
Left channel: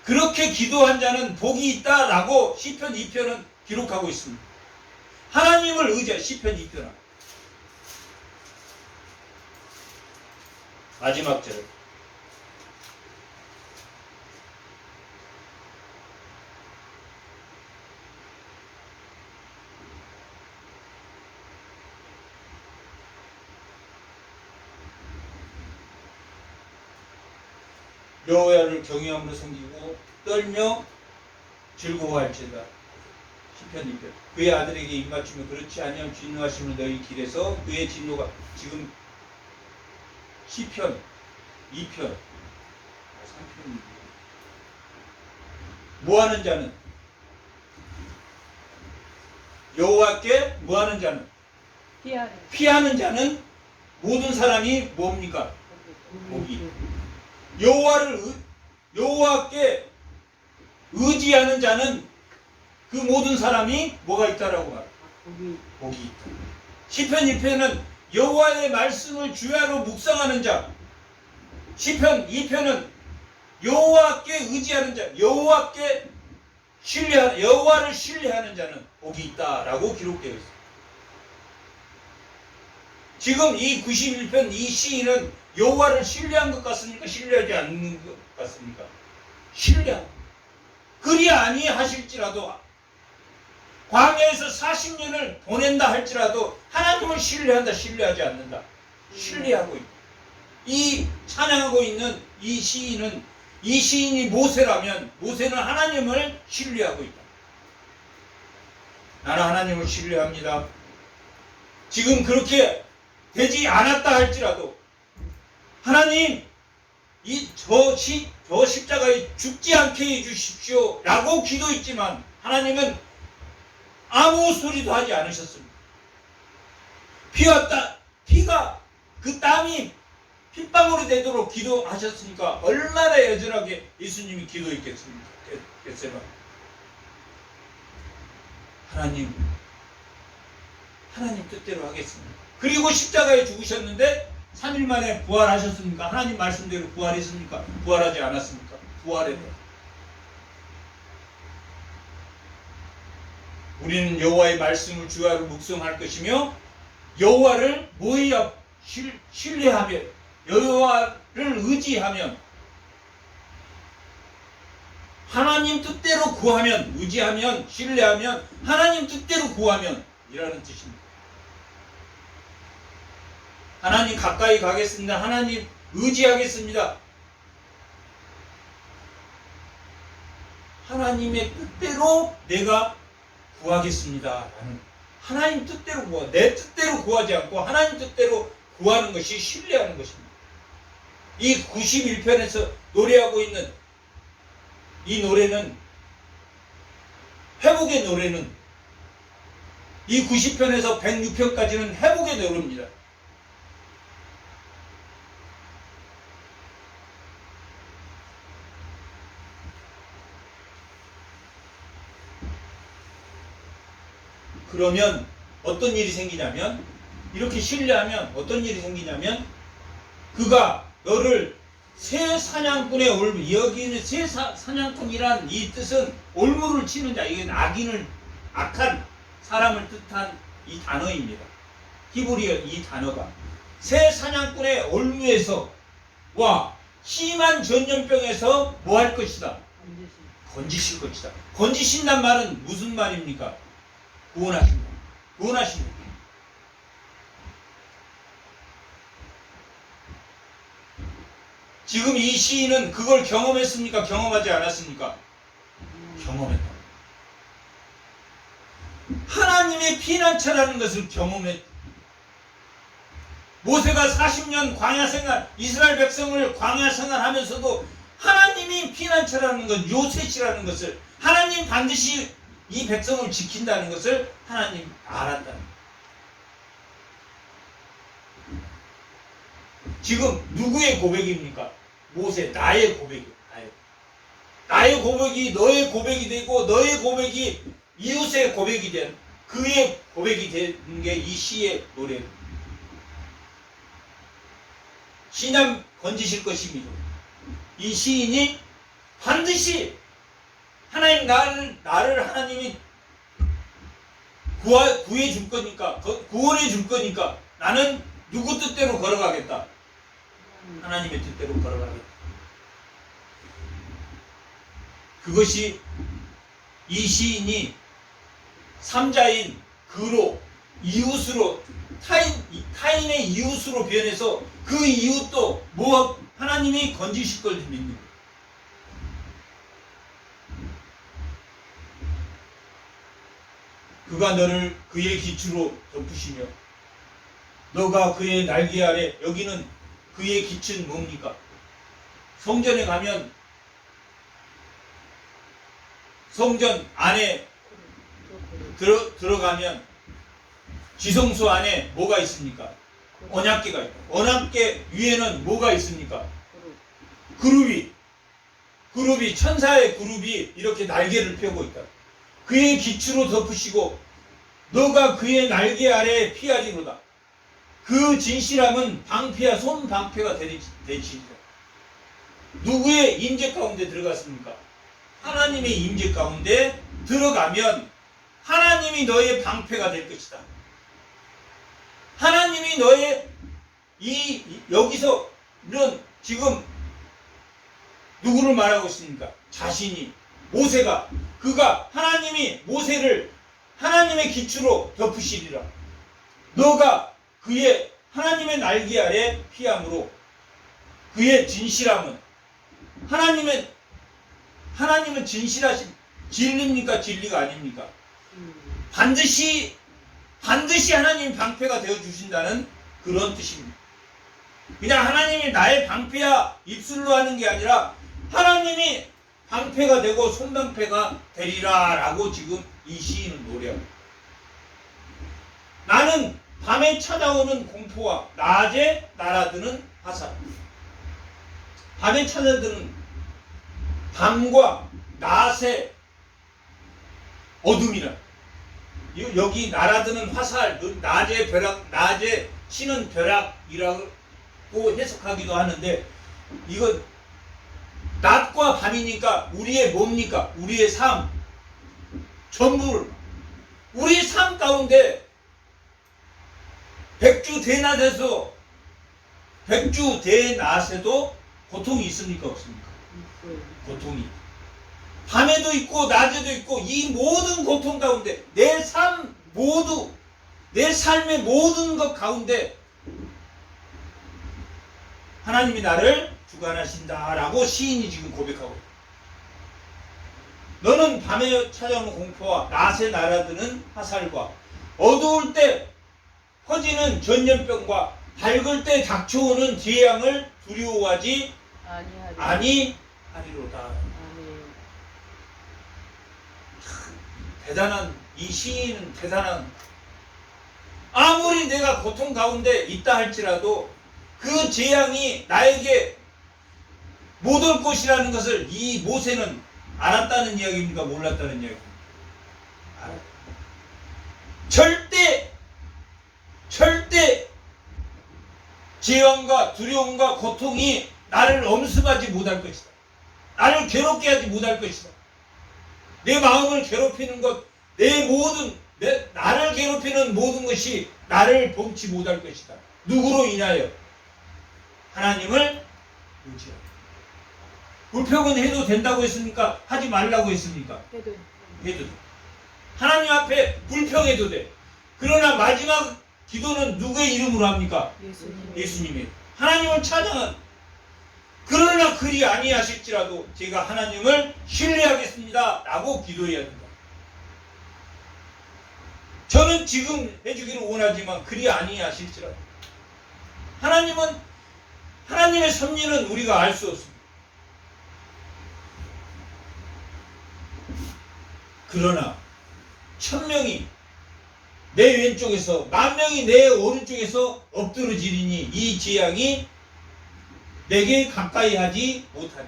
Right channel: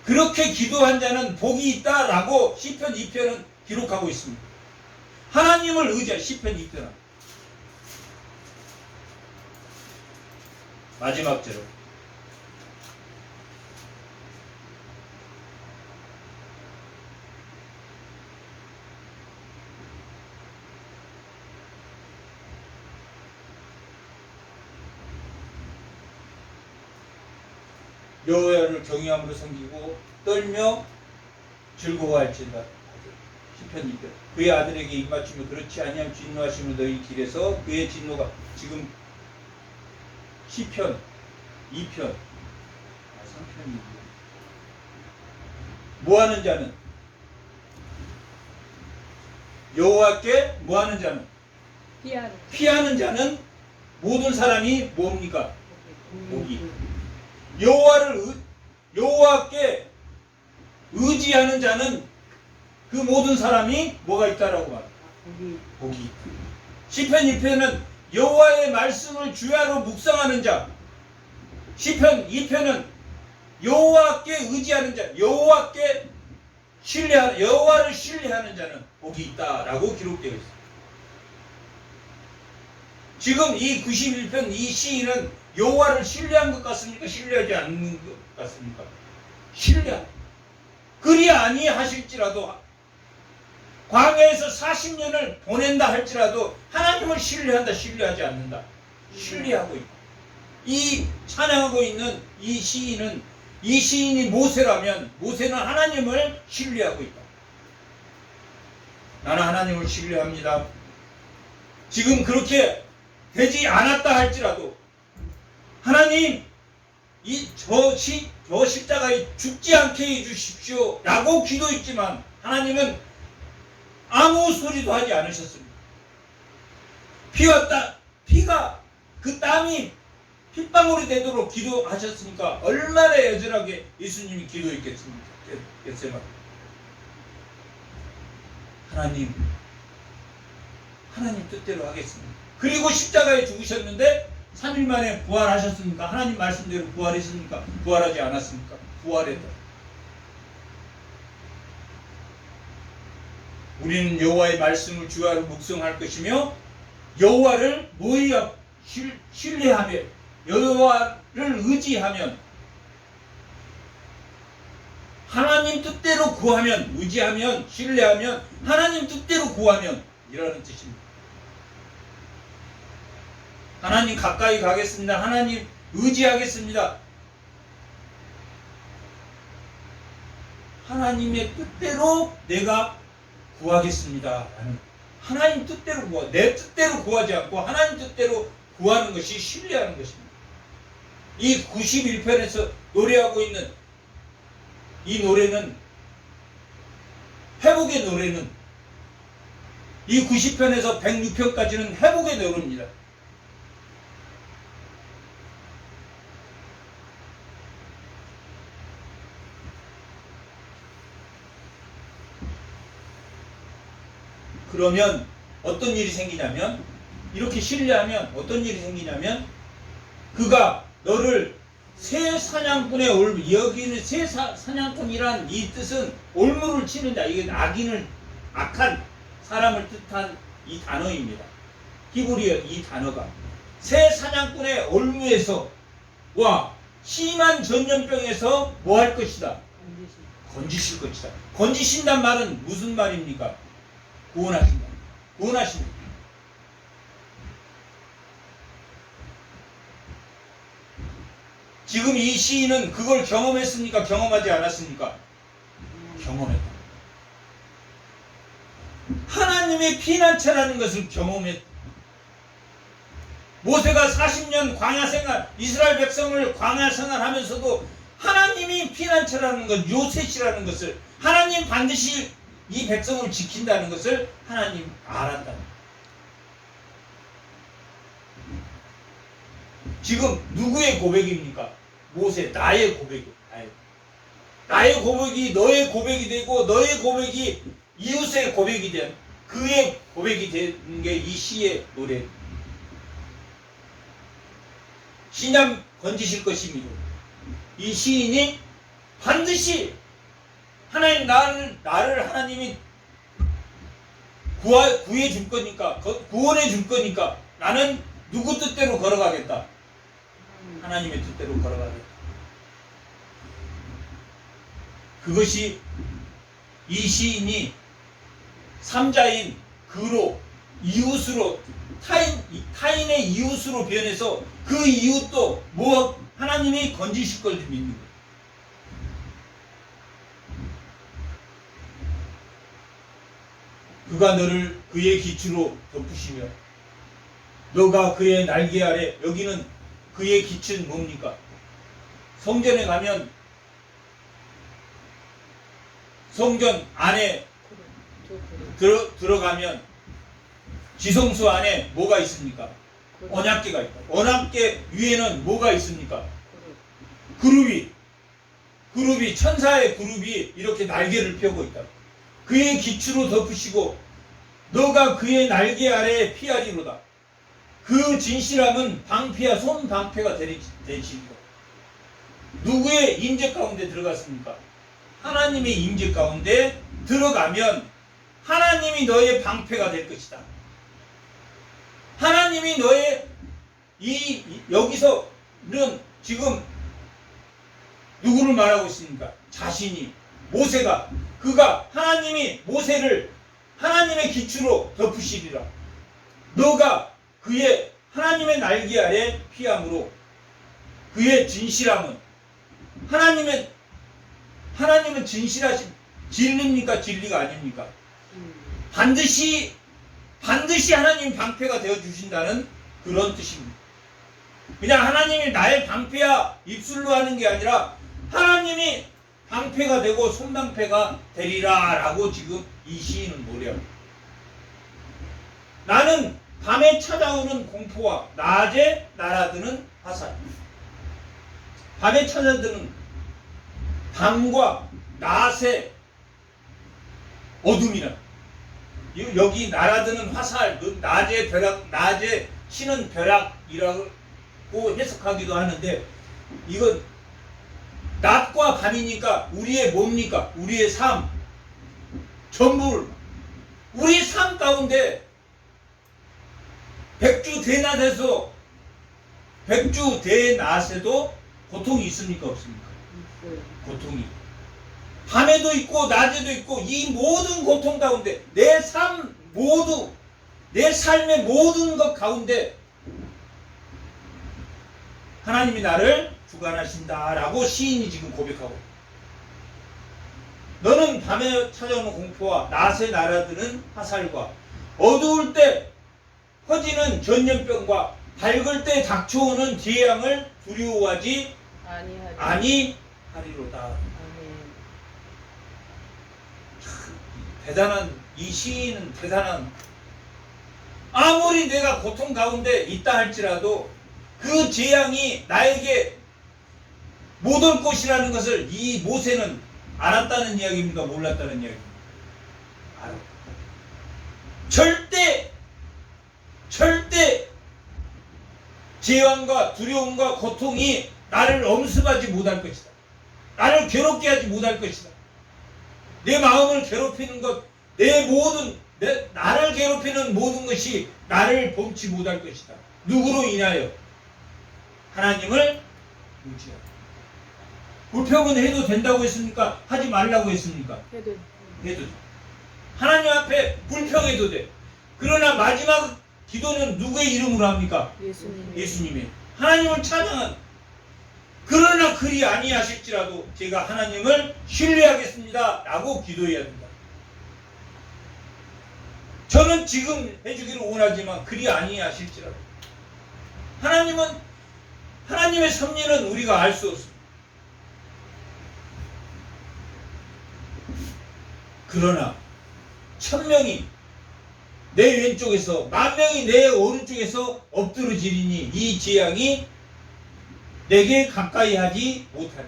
그렇게 기도한 자는 복이 있다라고 시편 2편은 기록하고 있습니다. 하나님을 의지한 시편 2편. 마지막 절. 여호와를 경외함으로 섬기고 떨며 즐거워할지어다. 시편 2편. 그의 아들에게 입맞추며 그렇지 아니하면 진노하시는 너희 길에서 그의 진노가 지금 시편 2편 3편이 뭐하는 자는 여호와께 뭐하는 자는 피하는 자는 모든 사람이 뭡니까? 복이. 여호와께 의지하는 자는 그 모든 사람이 뭐가 있다라고 말합니다. 복이 있다. 시편 1편은 여호와의 말씀을 주야로 묵상하는 자. 시편 2편은 여호와께 의지하는 자, 여호와를 신뢰하는 자는 복이 있다라고 기록되어 있습니다. 지금 이 91편 이 시인은 여호와를 신뢰한 것 같습니까? 신뢰하지 않는 것 같습니까? 신뢰. 그리 아니하실지라도 광야에서 40년을 보낸다 할지라도 하나님을 신뢰한다, 신뢰하지 않는다. 신뢰하고 있다. 이 찬양하고 있는 이 시인이 모세라면 모세는 하나님을 신뢰하고 있다. 나는 하나님을 신뢰합니다. 지금 그렇게 되지 않았다 할지라도 하나님 저 십자가에 죽지 않게 해주십시오 라고 기도했지만 하나님은 아무 소리도 하지 않으셨습니다. 피가 그 땀이 핏방울이 되도록 기도하셨으니까 얼마나 여전하게 예수님이 기도했겠습니까? 겟세마네. 하나님 뜻대로 하겠습니다. 그리고 십자가에 죽으셨는데 3일 만에 부활하셨습니까? 하나님 말씀대로 부활했습니까? 부활하지 않았습니까? 부활했다. 우리는 여호와의 말씀을 주야로 묵상할 것이며 여호와를 신뢰하며 여호와를 의지하면 하나님 뜻대로 구하면 의지하면 신뢰하면 하나님 뜻대로 구하면 이라는 뜻입니다. 하나님 가까이 가겠습니다. 하나님 의지하겠습니다. 하나님의 뜻대로 내가 구하겠습니다. 라는 하나님 뜻대로 내 뜻대로 구하지 않고 하나님 뜻대로 구하는 것이 신뢰하는 것입니다. 이 91편에서 노래하고 있는 이 노래는 회복의 노래는 이 90편에서 106편까지는 회복의 노래입니다. 그러면 어떤 일이 생기냐면 이렇게 신뢰하면 어떤 일이 생기냐면 그가 너를 새 사냥꾼의 올무 여기는 새 사냥꾼이란 이 뜻은 올무를 치는 자 이게 악한 사람을 뜻한 이 단어입니다. 히브리어 이 단어가 새 사냥꾼의 올무에서 와 심한 전염병에서 뭐 할 것이다? 건지실 것이다. 건지신단 말은 무슨 말입니까? 구원하신다. 구원하십니다. 지금 이 시인은 그걸 경험했습니까? 경험하지 않았습니까? 경험했다. 하나님의 피난처라는 것을 경험했다. 모세가 40년 광야 생활, 이스라엘 백성을 광야 생활하면서도 하나님이 피난처라는 것, 요셉이라는 것을 하나님 반드시 이 백성을 지킨다는 것을 하나님 알았다. 지금 누구의 고백입니까? 모세, 나의 고백이에요. 나의 고백이 너의 고백이 되고 너의 고백이 이웃의 고백이 된 그의 고백이 된 게 이 시의 노래. 신ям 건지실 것입니다. 이 시인이 반드시 하나님 나를 하나님이 구해 줄 거니까 구원해 줄 거니까 나는 누구 뜻대로 걸어가겠다. 하나님의 뜻대로 걸어가겠다. 그것이 이 시인이 삼자인 그로 이웃으로 타인의 이웃으로 변해서 그 이웃도 하나님이 건지실 걸 믿는 거예요. 그가 너를 그의 기초로 덮으시며 너가 그의 날개 아래. 여기는 그의 기초는 뭡니까? 성전에 가면 성전 안에 들어가면 지성소 안에 뭐가 있습니까? 언약궤가 있다. 언약궤 위에는 뭐가 있습니까? 그룹이 천사의 그룹이 이렇게 날개를 펴고 있다. 그의 기초로 덮으시고 너가 그의 날개 아래에 피하리로다. 그 진실함은 방패야 손 방패가 되시리라. 누구의 임재 가운데 들어갔습니까? 하나님의 임재 가운데 들어가면 하나님이 너의 방패가 될 것이다. 하나님이 너의 여기서는 지금 누구를 말하고 있습니까? 자신이 모세가 그가 하나님이 모세를 하나님의 기초로 덮으시리라. 너가 그의 하나님의 날개 아래 피함으로 그의 진실함은 하나님은 진리입니까? 진리가 아닙니까? 반드시 하나님이 방패가 되어 주신다는 그런 뜻입니다. 그냥 하나님이 나의 방패야 입술로 하는 게 아니라 하나님이 방패가 되고 손방패가 되리라 라고 지금 이 시인은 노래합니다. 나는 밤에 찾아오는 공포와 낮에 날아드는 화살. 밤에 찾아드는 밤과 낮의 어둠이라. 여기 날아드는 화살, 낮의 벼락, 낮에 치는 벼락이라고 해석하기도 하는데, 이건 낮과 밤이니까 우리의 뭡니까? 우리의 삶. 전부 우리 삶 가운데 백주대낮에도 고통이 있습니까? 없습니까? 고통이. 밤에도 있고 낮에도 있고 이 모든 고통 가운데 내 삶 모두 내 삶의 모든 것 가운데 하나님이 나를 주관하신다라고 시인이 지금 고백하고 있다. 너는 밤에 찾아오는 공포와 낮에 날아드는 화살과 어두울 때 퍼지는 전염병과 밝을 때 닥쳐오는 재앙을 두려워하지 아니하리로다. 대단한 이 시인은 대단한. 아무리 내가 고통 가운데 있다 할지라도 그 재앙이 나에게 못 올 것이라는 것을 이 모세는 알았다는 이야기입니까? 몰랐다는 이야기입니까? 알았다. 절대 재앙과 두려움과 고통이 나를 엄습하지 못할 것이다. 나를 괴롭게 하지 못할 것이다. 내 마음을 괴롭히는 것, 나를 괴롭히는 모든 것이 나를 범치 못할 것이다. 누구로 인하여? 하나님을 의지하고. 불평은 해도 된다고 했습니까? 하지 말라고 했습니까? 해도 돼. 하나님 앞에 불평해도 돼. 그러나 마지막 기도는 누구의 이름으로 합니까? 예수님의. 하나님을 찬양한. 그러나 그리 아니하실지라도 제가 하나님을 신뢰하겠습니다 라고 기도해야 된다. 저는 지금 해주기를 원하지만 그리 아니하실지라도 하나님의 섭리는 우리가 알 수 없습니다. 그러나 1000명이 내 왼쪽에서 10,000명이 내 오른쪽에서 엎드러지리니 이 재앙이 내게 가까이 하지 못하리.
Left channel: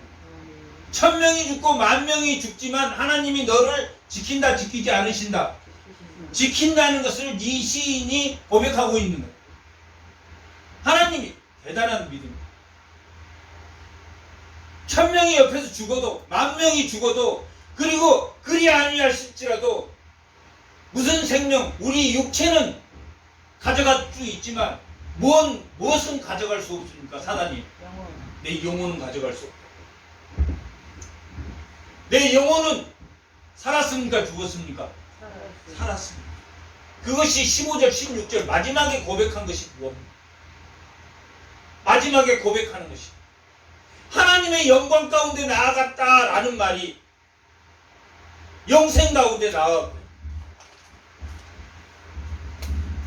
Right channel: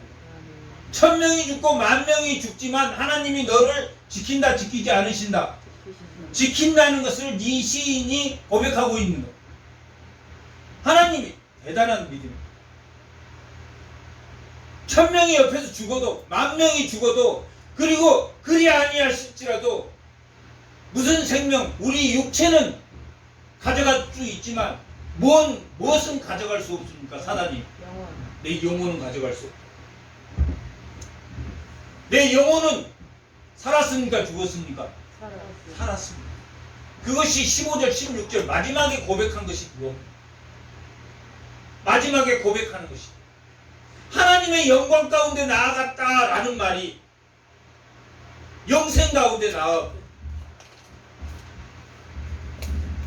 1000명이 죽고 10,000명이 죽지만 하나님이 너를 지킨다 지키지 않으신다. 지킨다는 것을 네 시인이 고백하고 있는 거예요. 하나님이 대단한 믿음. 1000명이 옆에서 죽어도 10,000명이 죽어도 그리고 그리 아니하실지라도 무슨 생명 우리 육체는 가져갈 수 있지만 무엇은 가져갈 수 없습니까? 사단이 내 영혼은 가져갈 수 없다. 내 영혼은 살았습니까? 죽었습니까? 살았습니다. 그것이 15절 16절 마지막에 고백한 것이 그겁니다. 마지막에 고백하는 것이 하나님의 영광 가운데 나아갔다라는 말이 영생 가운데 나아갔고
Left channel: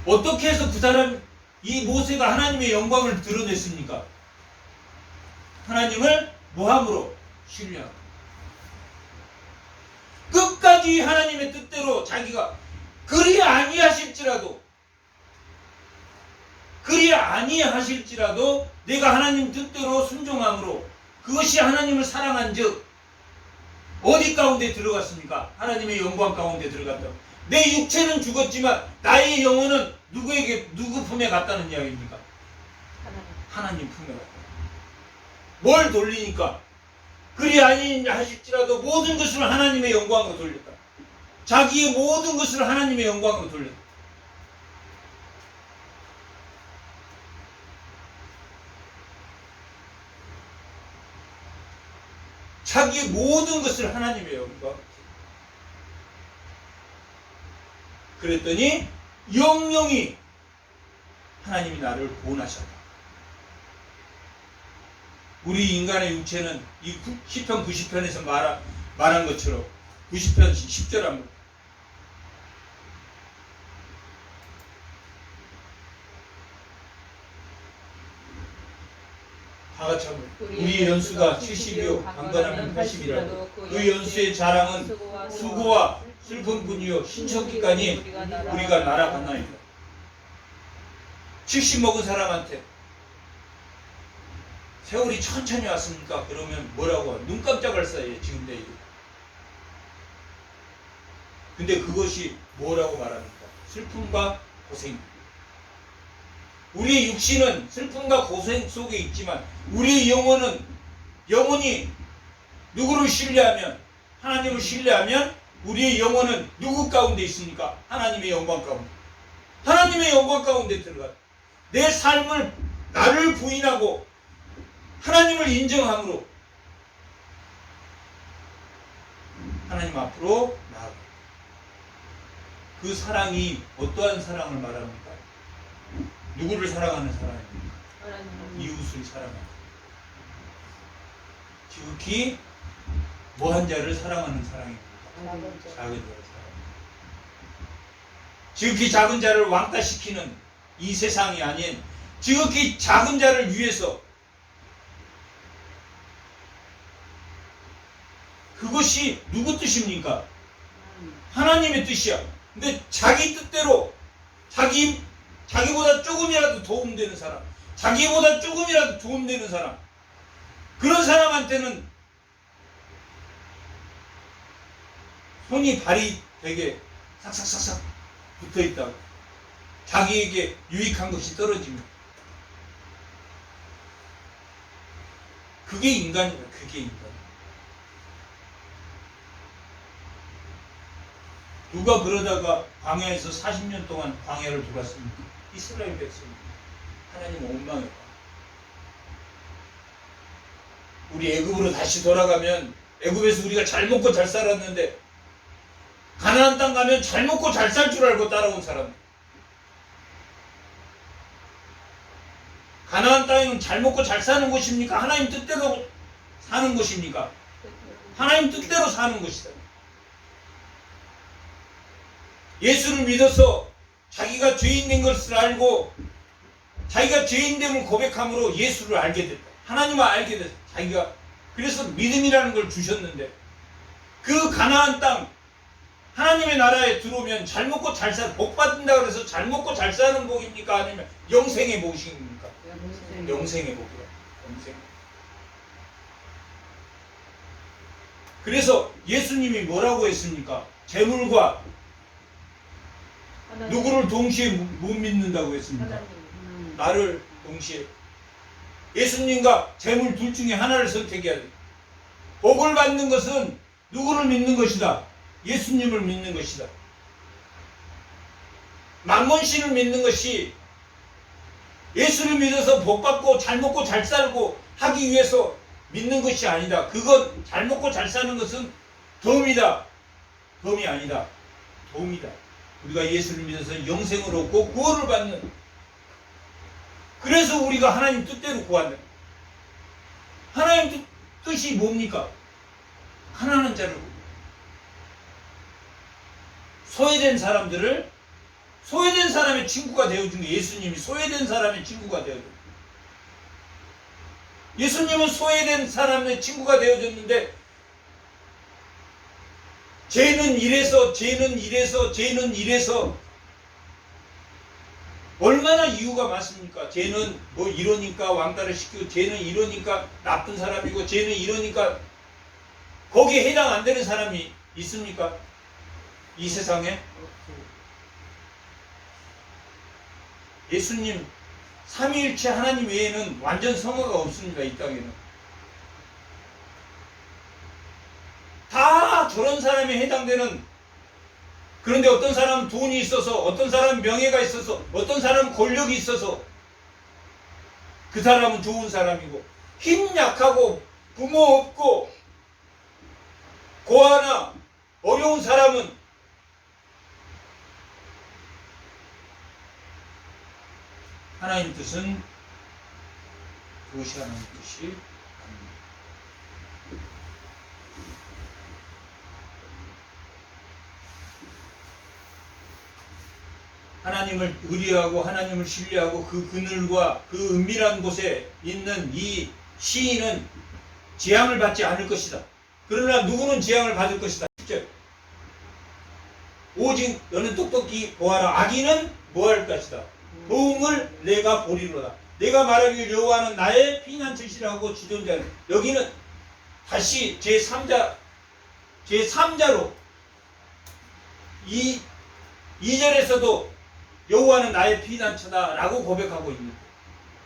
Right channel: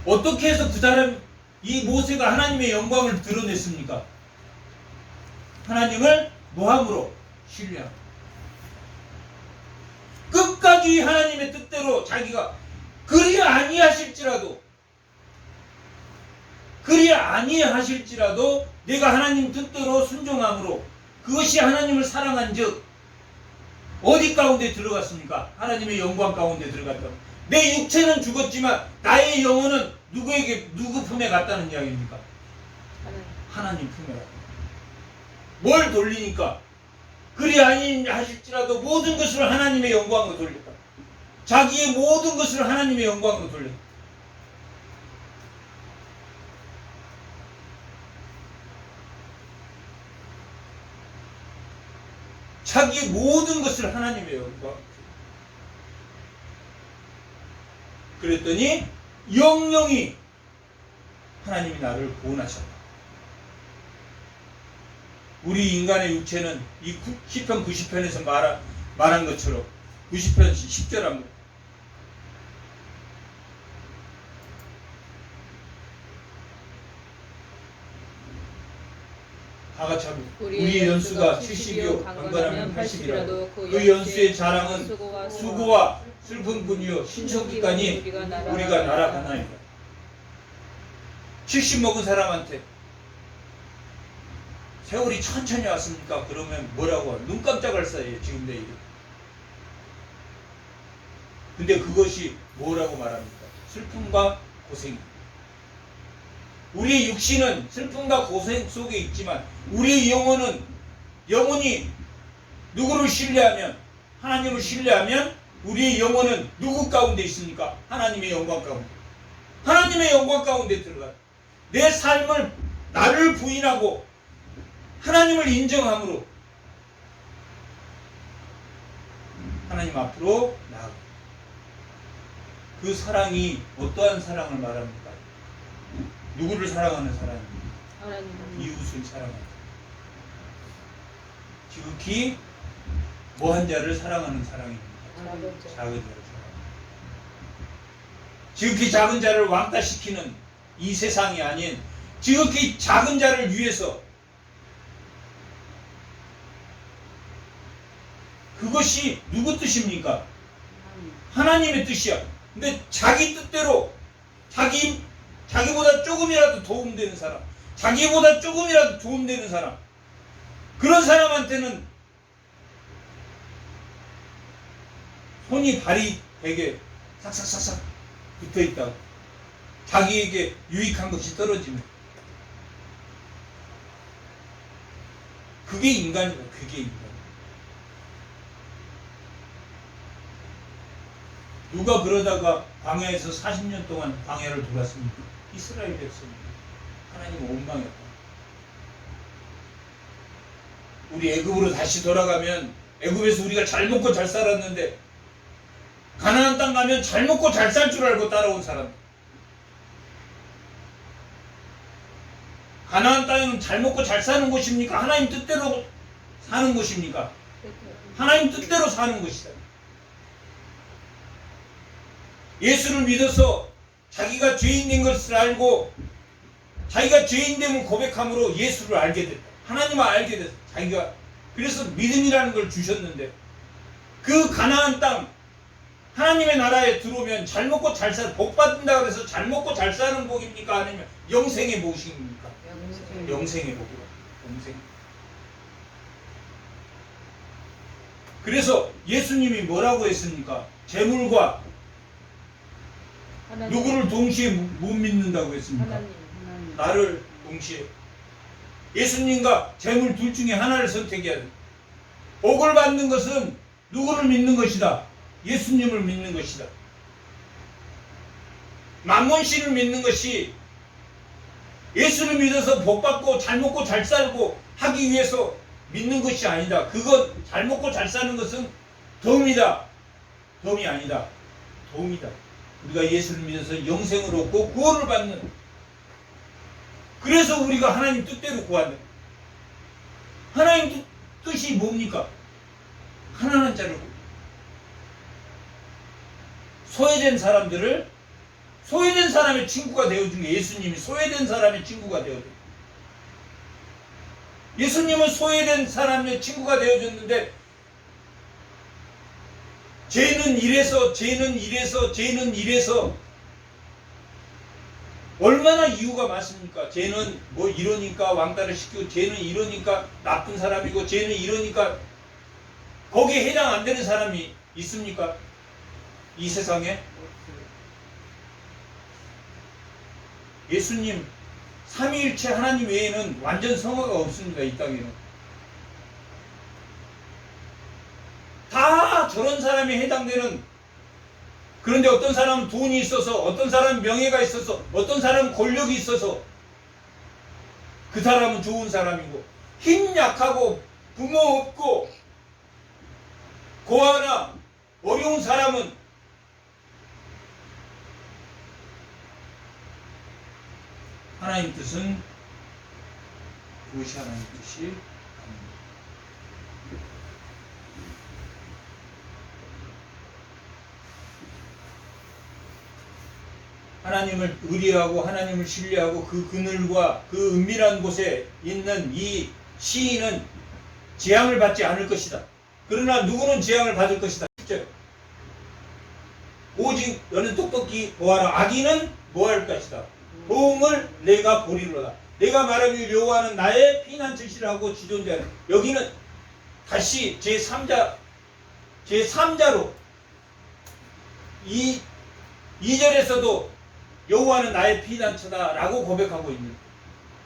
어떻게 해서 그 사람 이 모세가 하나님의 영광을 드러냈습니까? 하나님을 무함으로 신뢰하고 끝까지 하나님의 뜻대로 자기가 그리 아니하실지라도 내가 하나님 뜻대로 순종함으로 그것이 하나님을 사랑한 즉 어디 가운데 들어갔습니까? 하나님의 영광 가운데 들어갔다. 내 육체는 죽었지만 나의 영혼은 누구 품에 갔다는 이야기입니까? 하나님 품에 갔다. 뭘 돌리니까? 그리 아니하실지라도 모든 것을 하나님의 영광으로 돌렸다. 자기의 모든 것을 하나님의 영광으로 돌렸다. 자기의 모든 것을 하나님의 영광. 그랬더니 영영이 하나님이 나를 구원하셨다. 우리 인간의 육체는 이 시편 90편에서 말한 것처럼 90편 10절 한번 다 같이 한번 우리의 연수가 70이요 강건하면 80이라도 그 연수의 자랑은 수고와 슬픔뿐이요 신천기까지 우리가 날아가나이다. 70 먹은 사람한테 세월이 천천히 왔습니까? 그러면 뭐라고 눈 깜짝할 사이에 지금 내일. 근데 그것이 뭐라고 말합니까? 슬픔과 고생. 우리 육신은 슬픔과 고생 속에 있지만 우리 영혼이 누구를 신뢰하면 하나님을 신뢰하면 우리의 영혼은 누구 가운데 있습니까? 하나님의 영광 가운데. 하나님의 영광 가운데 들어가. 내 삶을 나를 부인하고 하나님을 인정함으로 하나님 앞으로 나아가. 그 사랑이 어떠한 사랑을 말합니까? 누구를 사랑하는 사랑입니까? 이웃을 사랑하는. 지극히 뭐한 자를 사랑하는 사랑입니까? 작은 자를 사랑하는. 지극히 작은 자를 왕따시키는 이 세상이 아닌 지극히 작은 자를 위해서 그것이 누구 뜻입니까? 하나님의 뜻이야. 근데 자기 뜻대로 자기보다 조금이라도 도움되는 사람, 자기보다 조금이라도 도움되는 사람, 그런 사람한테는 손이 발이 되게 삭삭삭삭 붙어있다고 자기에게 유익한 것이 떨어지면 그게 인간이다. 그게 인간. 누가 그러다가 광야에서 40년 동안 광야를 돌았습니까? 이스라엘 백성. 하나님 원망했다. 우리 애굽으로 다시 돌아가면 애굽에서 우리가 잘 먹고 잘 살았는데 가나안 땅 가면 잘 먹고 잘 살 줄 알고 따라온 사람. 가나안 땅은 잘 먹고 잘 사는 곳입니까? 하나님 뜻대로 사는 곳입니까? 하나님 뜻대로 사는 곳이다. 예수를 믿어서 자기가 죄인된 것을 알고 자기가 죄인됨을 고백함으로 예수를 알게 됐다. 하나님을 알게 됐다. 자기가 그래서 믿음이라는 걸 주셨는데 그 가나안 땅 하나님의 나라에 들어오면 잘 먹고 잘 살, 복 받는다 그래서 잘 먹고 잘 사는 복입니까? 아니면 영생의 복입니까? 영생의 복이다. 영생. 그래서 예수님이 뭐라고 했습니까? 재물과 하나님. 누구를 동시에 못 믿는다고 했습니까? 하나님. 나를 동시에. 예수님과 재물 둘 중에 하나를 선택해야 돼. 복을 받는 것은 누구를 믿는 것이다? 예수님을 믿는 것이다. 만몬신을 믿는 것이 예수를 믿어서 복 받고 잘 먹고 잘 살고 하기 위해서 믿는 것이 아니다. 그건 잘 먹고 잘 사는 것은 덤이다. 덤이 아니다. 도움이다. 우리가 예수를 믿어서 영생을 얻고 구원을 받는. 그래서 우리가 하나님 뜻대로 구한다. 하나님 뜻이 뭡니까? 가난한 자를, 소외된 사람들을, 소외된 사람의 친구가 되어준 게 예수님이 소외된 사람의 친구가 되어준. 예수님은 소외된 사람의 친구가 되어줬는데 쟤는 이래서 얼마나 이유가 많습니까? 쟤는 뭐 이러니까 왕따를 시키고 쟤는 이러니까 나쁜 사람이고 쟤는 이러니까 거기에 해당 안 되는 사람이 있습니까? 이 세상에? 예수님 삼위일체 하나님 외에는 완전 성화가 없습니다. 이 땅에는. 다 저런 사람에 해당되는. 그런데 어떤 사람은 돈이 있어서, 어떤 사람은 명예가 있어서, 어떤 사람은 권력이 있어서 그 사람은 좋은 사람이고, 힘 약하고 부모 없고 고아나 어려운 사람은 하나님 뜻은 그것이 하나님 뜻이 아닙니다. 하나님을 의뢰하고 하나님을 신뢰하고 그 그늘과 그 은밀한 곳에 있는 이 시인은 재앙을 받지 않을 것이다. 그러나 누구는 재앙을 받을 것이다. 오직 너는 똑똑히 보아라. 악인은 뭐할 것이다. 도움을 내가 보리로다. 내가 말하기를 여호와는 나의 피난처시라고 지존자는. 여기는 다시 제3자로 2절에서도 여호와는 나의 피난처다 라고 고백하고 있는.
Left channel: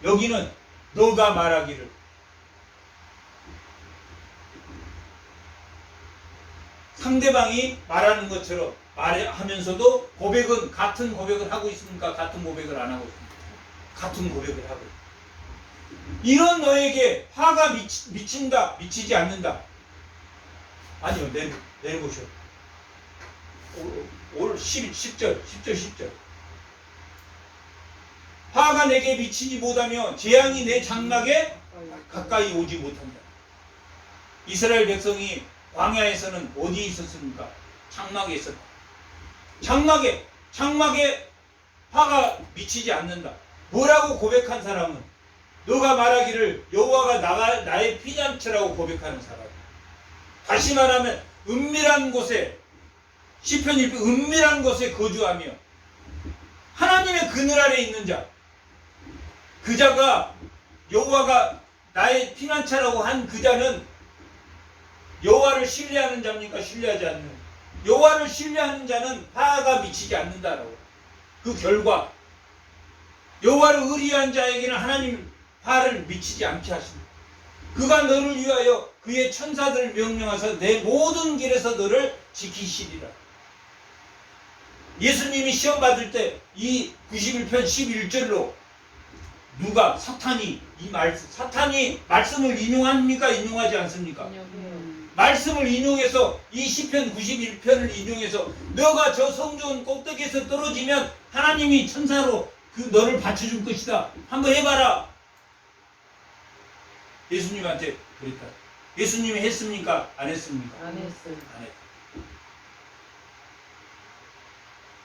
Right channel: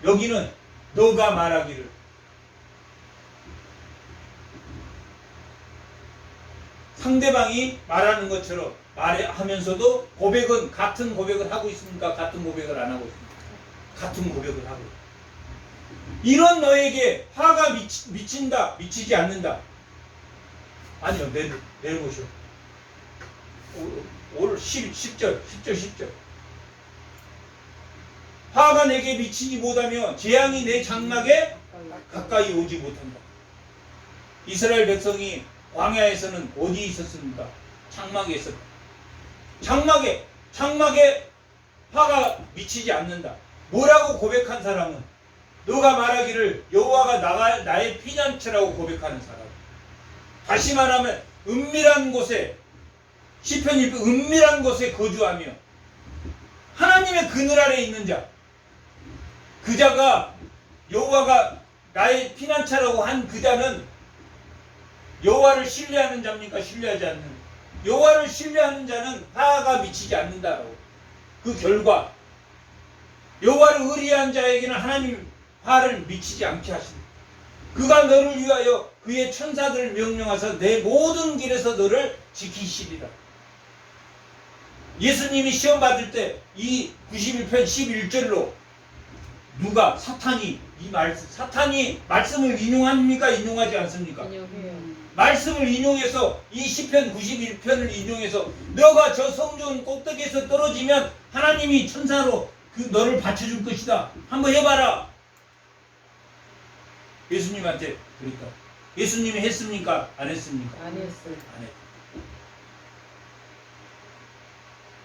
여기는 너가 말하기를. 상대방이 말하는 것처럼 말하면서도 고백은 같은 고백을 하고 있습니까? 같은 고백을 안 하고 있습니까? 같은 고백을 하고 있습니다. 이런 너에게 화가 미친다, 미치지 않는다. 아니요, 내려보시오. 올 10절. 화가 내게 미치지 못하며 재앙이 내 장막에 가까이 오지 못한다. 이스라엘 백성이 광야에서는 어디에 있었습니까? 장막에 있었다. 장막에 화가 미치지 않는다. 뭐라고 고백한 사람은 너가 말하기를 여호와가 나의 피난처라고 고백하는 사람. 다시 말하면 은밀한 곳에 시편 1편 은밀한 곳에 거주하며 하나님의 그늘 아래 있는 자. 그 자가 여호와가 나의 피난처라고 한 그 자는 여호와를 신뢰하는 자입니까? 신뢰하지 않는. 여호와를 신뢰하는 자는 화가 미치지 않는다라고. 그 결과 여호와를 의리한 자에게는 하나님 화를 미치지 않게 하십니다. 그가 너를 위하여 그의 천사들을 명령하사 내 모든 길에서 너를 지키시리라. 예수님이 시험 받을 때 이 91편 11절로 누가 사탄이 말씀을 인용합니까? 인용하지 않습니까? 말씀을 인용해서 이 시편 91편을 인용해서 너가 저 성전 꼭대기에서 떨어지면 하나님이 천사로 그 너를 받쳐줄 것이다. 한번 해봐라. 예수님한테 그랬다. 예수님이 했습니까? 안 했습니까? 안 했어요. 안 했다.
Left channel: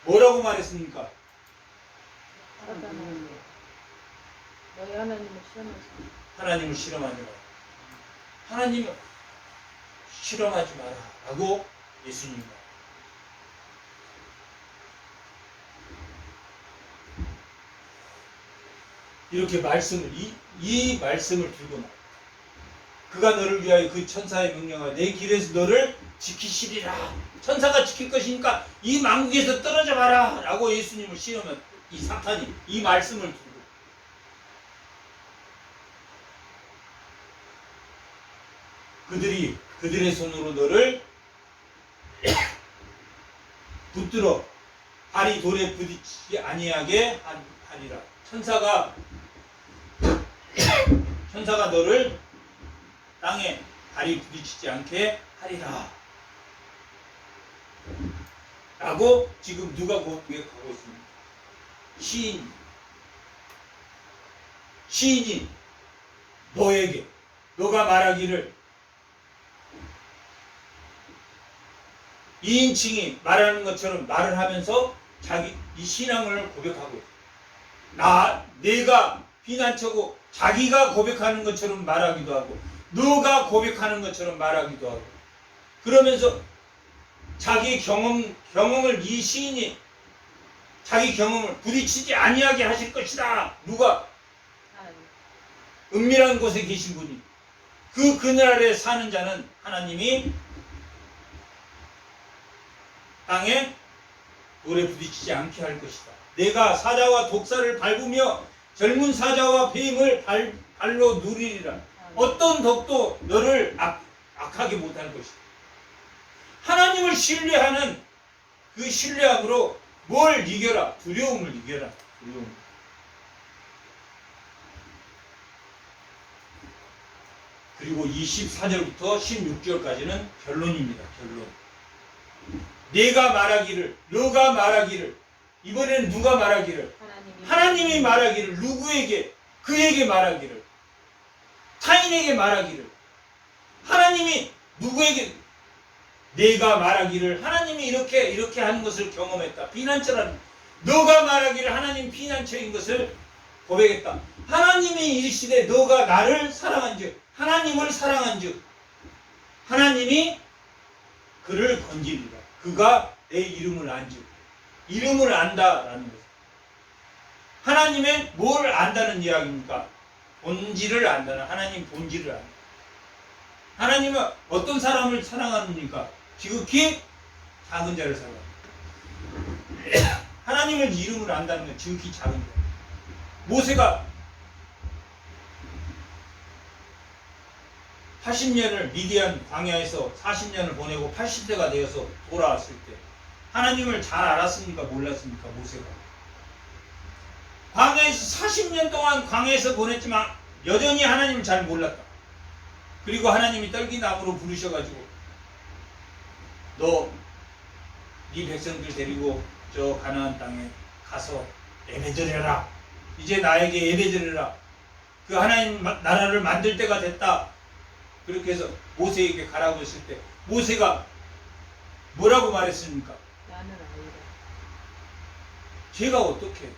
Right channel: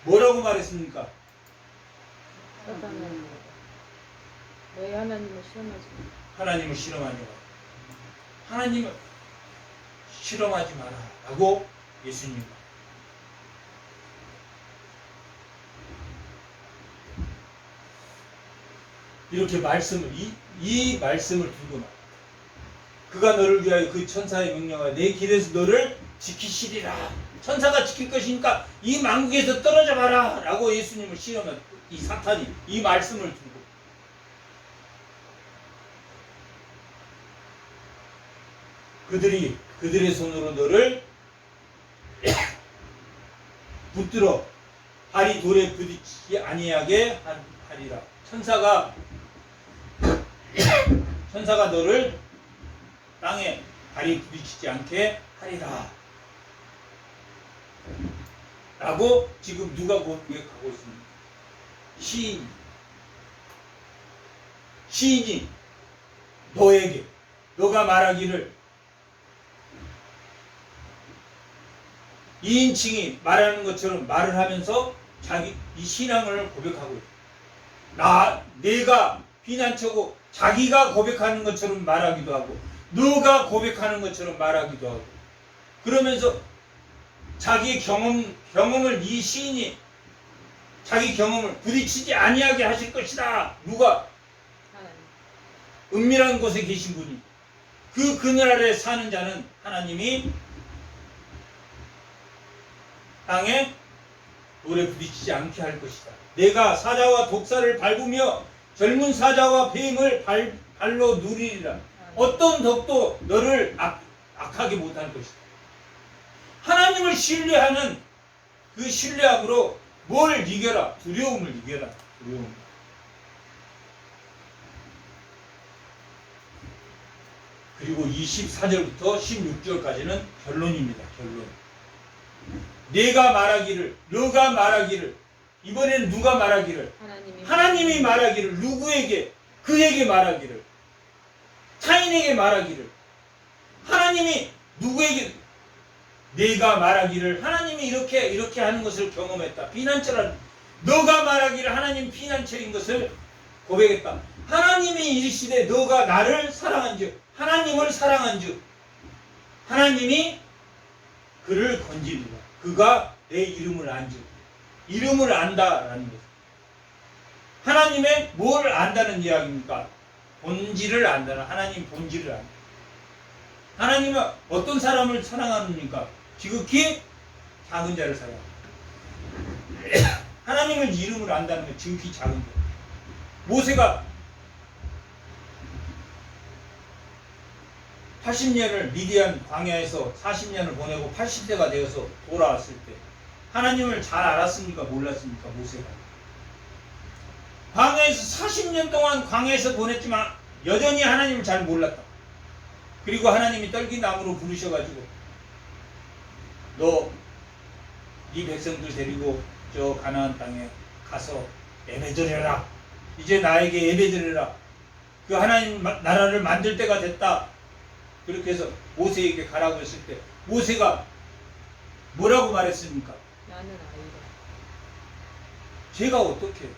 뭐라고 말했습니까? 너희 하나님을 시험하지. 하나님을 실험하지 마라. 하나님을 실험하지 마라. 라고 예수님 말. 이렇게 말씀을, 이 말씀을 들고 말. 그가 너를 위하여 그 천사의 명령하여 내 길에서 너를 지키시리라. 천사가 지킬 것이니까 이 만국에서 떨어져 봐라 라고 예수님을 시험한 이 사탄이 이 말씀을 두고 그들의 손으로 너를 붙들어 발이 돌에 부딪히지 아니하게 하리라. 천사가 너를 땅에 발이 부딪히지 않게 하리라 라고 지금 누가 고백하고 있습니다. 시인이 너에게 너가 말하기를 2인칭이 말하는 것처럼 말을 하면서 자기 이 신앙을 고백하고 있어요. 내가 피난처고 자기가 고백하는 것처럼 말하기도 하고 너가 고백하는 것처럼 말하기도 하고 그러면서 자기 경험을 이 시인이 자기 경험을 부딪히지 아니하게 하실 것이다. 누가? 은밀한 곳에 계신 분이 그늘아래 사는 자는 하나님이 땅에 돌에 부딪히지 않게 할 것이다. 내가 사자와 독사를 밟으며 젊은 사자와 뱀을 발로 누리리라. 어떤 덕도 너를 악하게 못할 것이다. 하나님을 신뢰하는 그 신뢰함으로 뭘 이겨라? 두려움을 이겨라. 두려움. 그리고 24절부터 16절까지는 결론입니다. 결론. 내가 말하기를, 너가 말하기를, 이번에는 누가 말하기를? 하나님이 말하기를, 누구에게? 그에게 말하기를, 타인에게 말하기를, 하나님이 누구에게? 내가 말하기를, 하나님이 이렇게 하는 것을 경험했다. 피난처라는, 너가 말하기를 하나님 피난처인 것을 고백했다. 하나님이 이르시되 너가 나를 사랑한즉, 하나님을 사랑한즉, 하나님이 그를 건지리라. 그가 내 이름을 안즉, 이름을 안다라는 것. 하나님의 뭘 안다는 이야기입니까? 본질을 안다는, 하나님 본질을 안다. 하나님은 어떤 사람을 사랑하십니까? 지극히 작은 자를 사랑합니다. 하나님을 이름을 안다는 건 지극히 작은 자. 모세가 80년을 미디안 광야에서 40년을 보내고 80세가 되어서 돌아왔을 때 하나님을 잘 알았습니까? 몰랐습니까? 모세가. 광야에서 40년 동안 광야에서 보냈지만 여전히 하나님을 잘 몰랐다. 그리고 하나님이 떨기나무로 부르셔가지고 너 네 백성들 데리고 저 가나안 땅에 가서 예배드려라. 이제 나에게 예배드려라. 그 하나님 나라를 만들 때가 됐다. 그렇게 해서 모세에게 가라고 했을 때 모세가 뭐라고 말했습니까? 나는 아이다. 제가 어떻게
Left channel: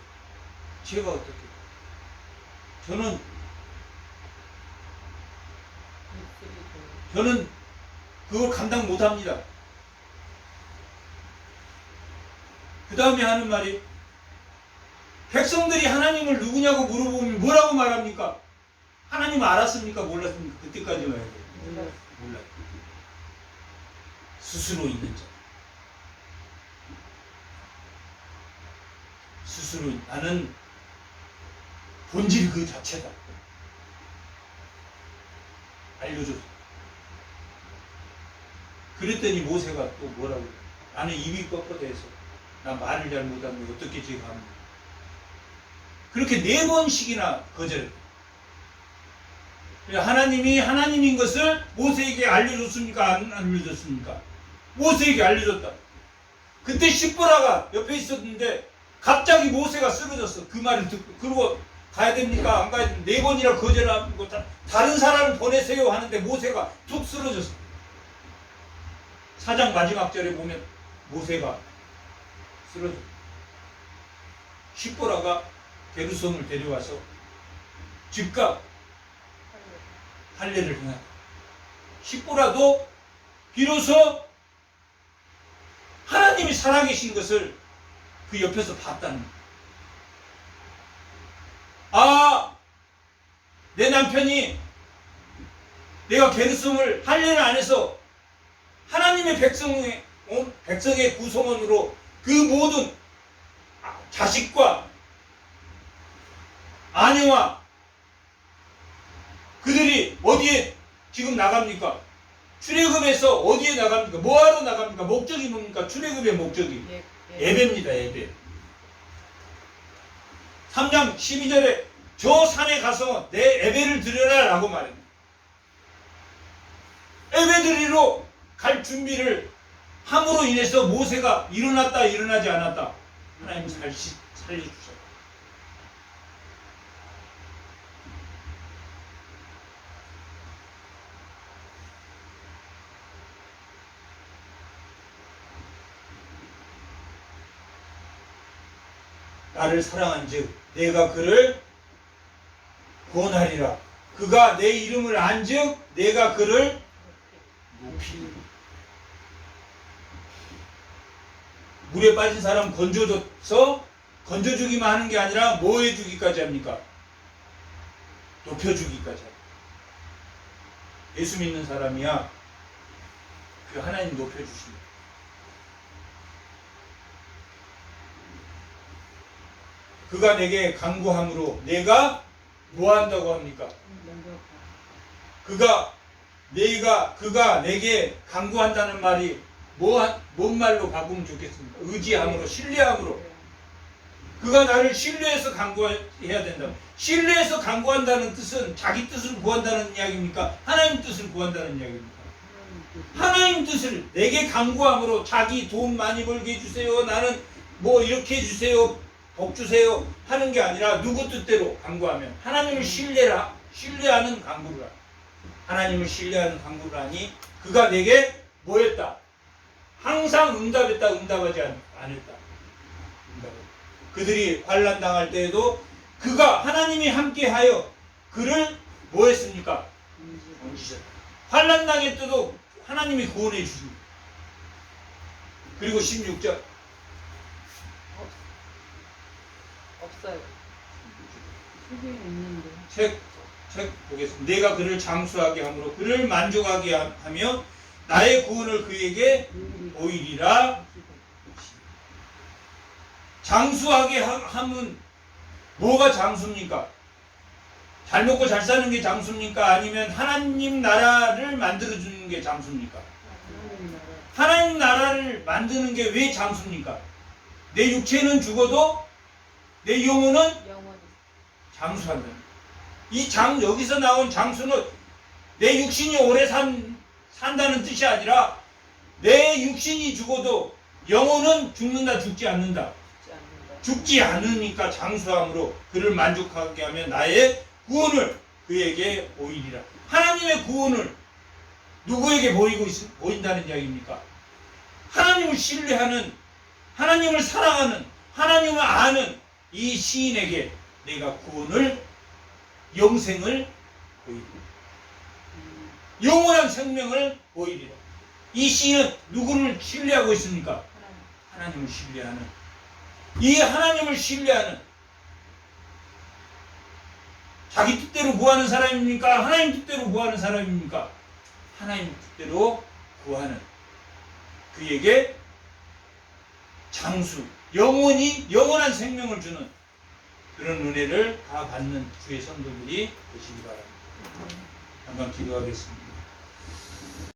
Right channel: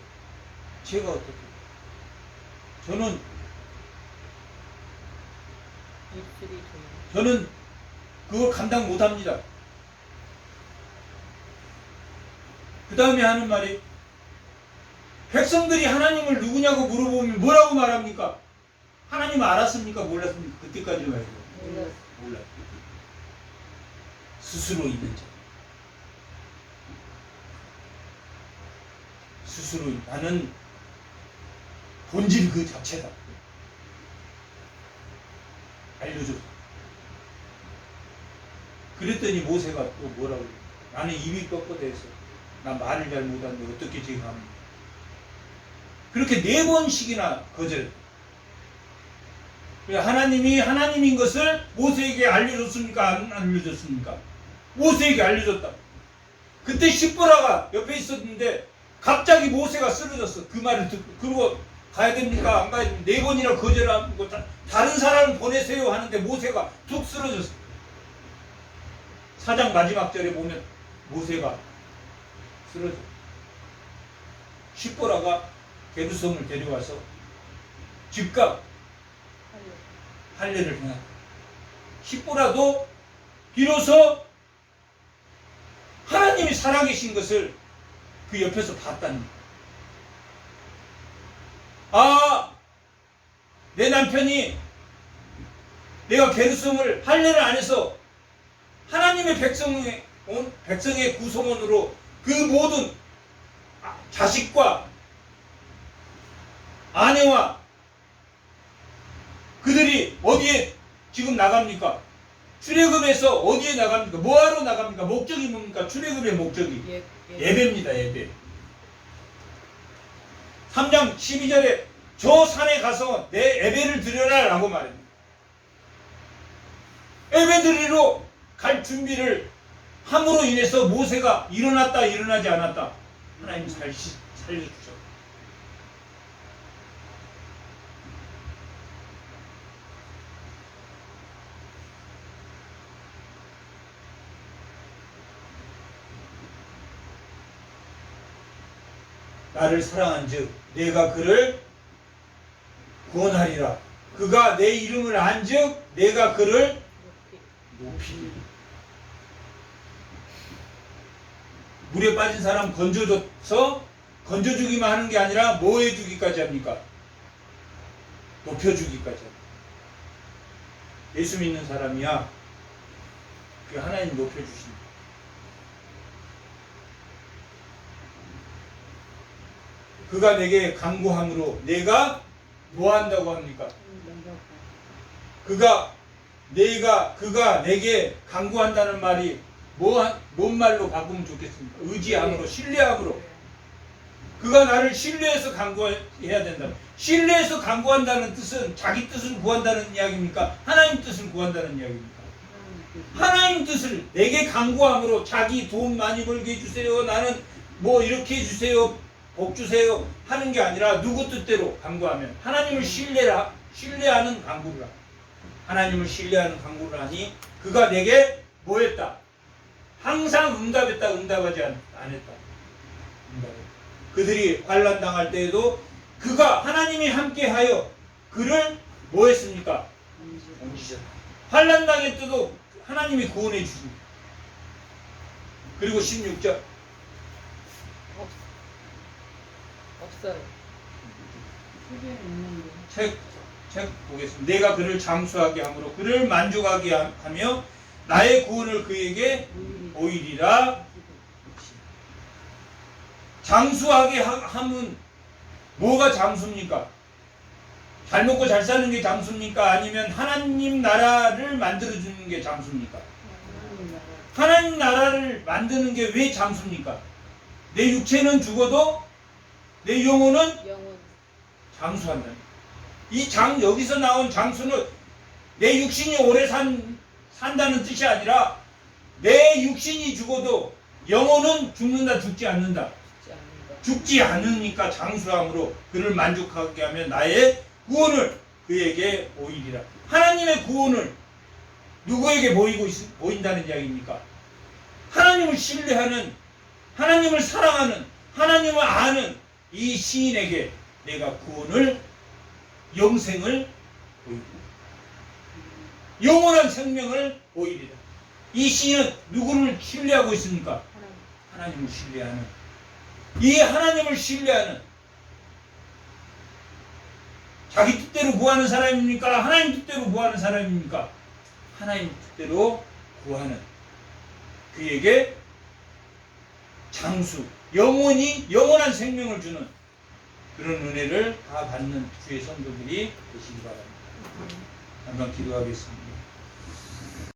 저는 그걸 감당 못합니다. 그 다음에 하는 말이 백성들이 하나님을 누구냐고 물어보면 뭐라고 말합니까? 하나님 알았습니까? 몰랐습니까? 그때까지만 해도 몰랐. 스스로 있는 자. 스스로 나는 본질 그 자체다. 알려줬어. 그랬더니 모세가 또 뭐라고 그래? 나는 입이 뻣뻣해서 나 말을 잘 못하는데 어떻게 지금 합니까? 그렇게 4번씩이나 거절했다. 하나님이 하나님인 것을 모세에게 알려줬습니까? 안 알려줬습니까? 모세에게 알려줬다. 그때 십보라가 옆에 있었는데 갑자기 모세가 쓰러졌어. 그 말을 듣고. 그리고 가야 됩니까? 안 가야 됩니까? 4번이나 거절하고 다른 사람을 보내세요 하는데 모세가 툭 쓰러졌어. 4장 마지막 절에 보면 모세가 쓰러져. 십보라가 게르솜을 데려와서 즉각 할례를 행한다. 십보라도 비로소 하나님이 살아계신 것을 그 옆에서 봤다는 거예요. 아, 내 남편이 내가 게르솜을 할례를 안 해서 하나님의 백성의 구성원으로 그 모든 자식과 아내와 그들이 어디에 지금 나갑니까? 출애굽에서 어디에 나갑니까? 뭐하러 나갑니까? 목적이 뭡니까? 출애굽의 목적이 예배입니다. 예배. 3장 12절에 저 산에 가서 내 예배를 드려라 라고 말합니다. 예배 드리러 갈 준비를 함으로 인해서 모세가 일어났다 일어나지 않았다 하나님 살려주셔. 나를 사랑한즉 내가 그를 구원하리라. 그가 내 이름을 안즉 내가 그를 높이리라. 물에 빠진 사람 건져줘서 건져주기만 하는 게 아니라 뭐 해주기까지 합니까? 높여주기까지 합니다. 예수 믿는 사람이야 그 하나님 높여주십니다. 그가 내게 간구함으로 내가 뭐 한다고 합니까? 그가 내게 간구한다는 말이 뭔 말로 바꾸면 좋겠습니까? 의지함으로, 신뢰함으로. 그가 나를 신뢰해서 간구해야 된다. 신뢰해서 간구한다는 뜻은 자기 뜻을 구한다는 이야기입니까? 하나님 뜻을 구한다는 이야기입니까? 하나님 뜻을 내게 간구함으로 자기 돈 많이 벌게 해주세요. 나는 뭐 이렇게 해주세요. 복 주세요. 하는 게 아니라 누구 뜻대로 간구하면 하나님을 신뢰하는 간구를 하니 하나님을 신뢰하는 간구를 하니 그가 내게 뭐 했다? 항상 응답했다. 응답하지 않았다. 그들이 환난 당할 때에도 그가 하나님이 함께하여 그를 뭐 했습니까? 옮기셨다. 환난 당할 때도 하나님이 구원해 주십니다. 그리고 16절 없어요. 책에 있는데. 책 보겠습니다. 내가 그를 장수하게 함으로 그를 만족하게 하며 나의 구원을 그에게 보이리라. 장수하게 하면 뭐가 장수입니까? 잘 먹고 잘 사는 게 장수입니까? 아니면 하나님 나라를 만들어주는 게 장수입니까? 하나님 나라를 만드는 게 왜 장수입니까? 내 육체는 죽어도 내 영혼은 장수한다. 여기서 나온 장수는 내 육신이 오래 산다는 뜻이 아니라 내 육신이 죽어도 영혼은 죽는다, 죽지 않는다. 죽지 않으니까 장수함으로 그를 만족하게 하면 나의 구원을 그에게 보이리라. 하나님의 구원을 누구에게 보인다는 이야기입니까? 하나님을 신뢰하는, 하나님을 사랑하는, 하나님을 아는 이 시인에게 내가 구원을, 영생을 보이리라. 영원한 생명을 보이리라. 이 시인은 누구를 신뢰하고 있습니까? 하나님을 신뢰하는, 이 하나님을 신뢰하는, 자기 뜻대로 구하는 사람입니까? 하나님 뜻대로 구하는 사람입니까? 하나님 뜻대로 구하는 그에게 장수, 영원한 생명을 주는 그런 은혜를 다 받는 주의 성도들이 되시기 바랍니다. 한번 기도하겠습니다.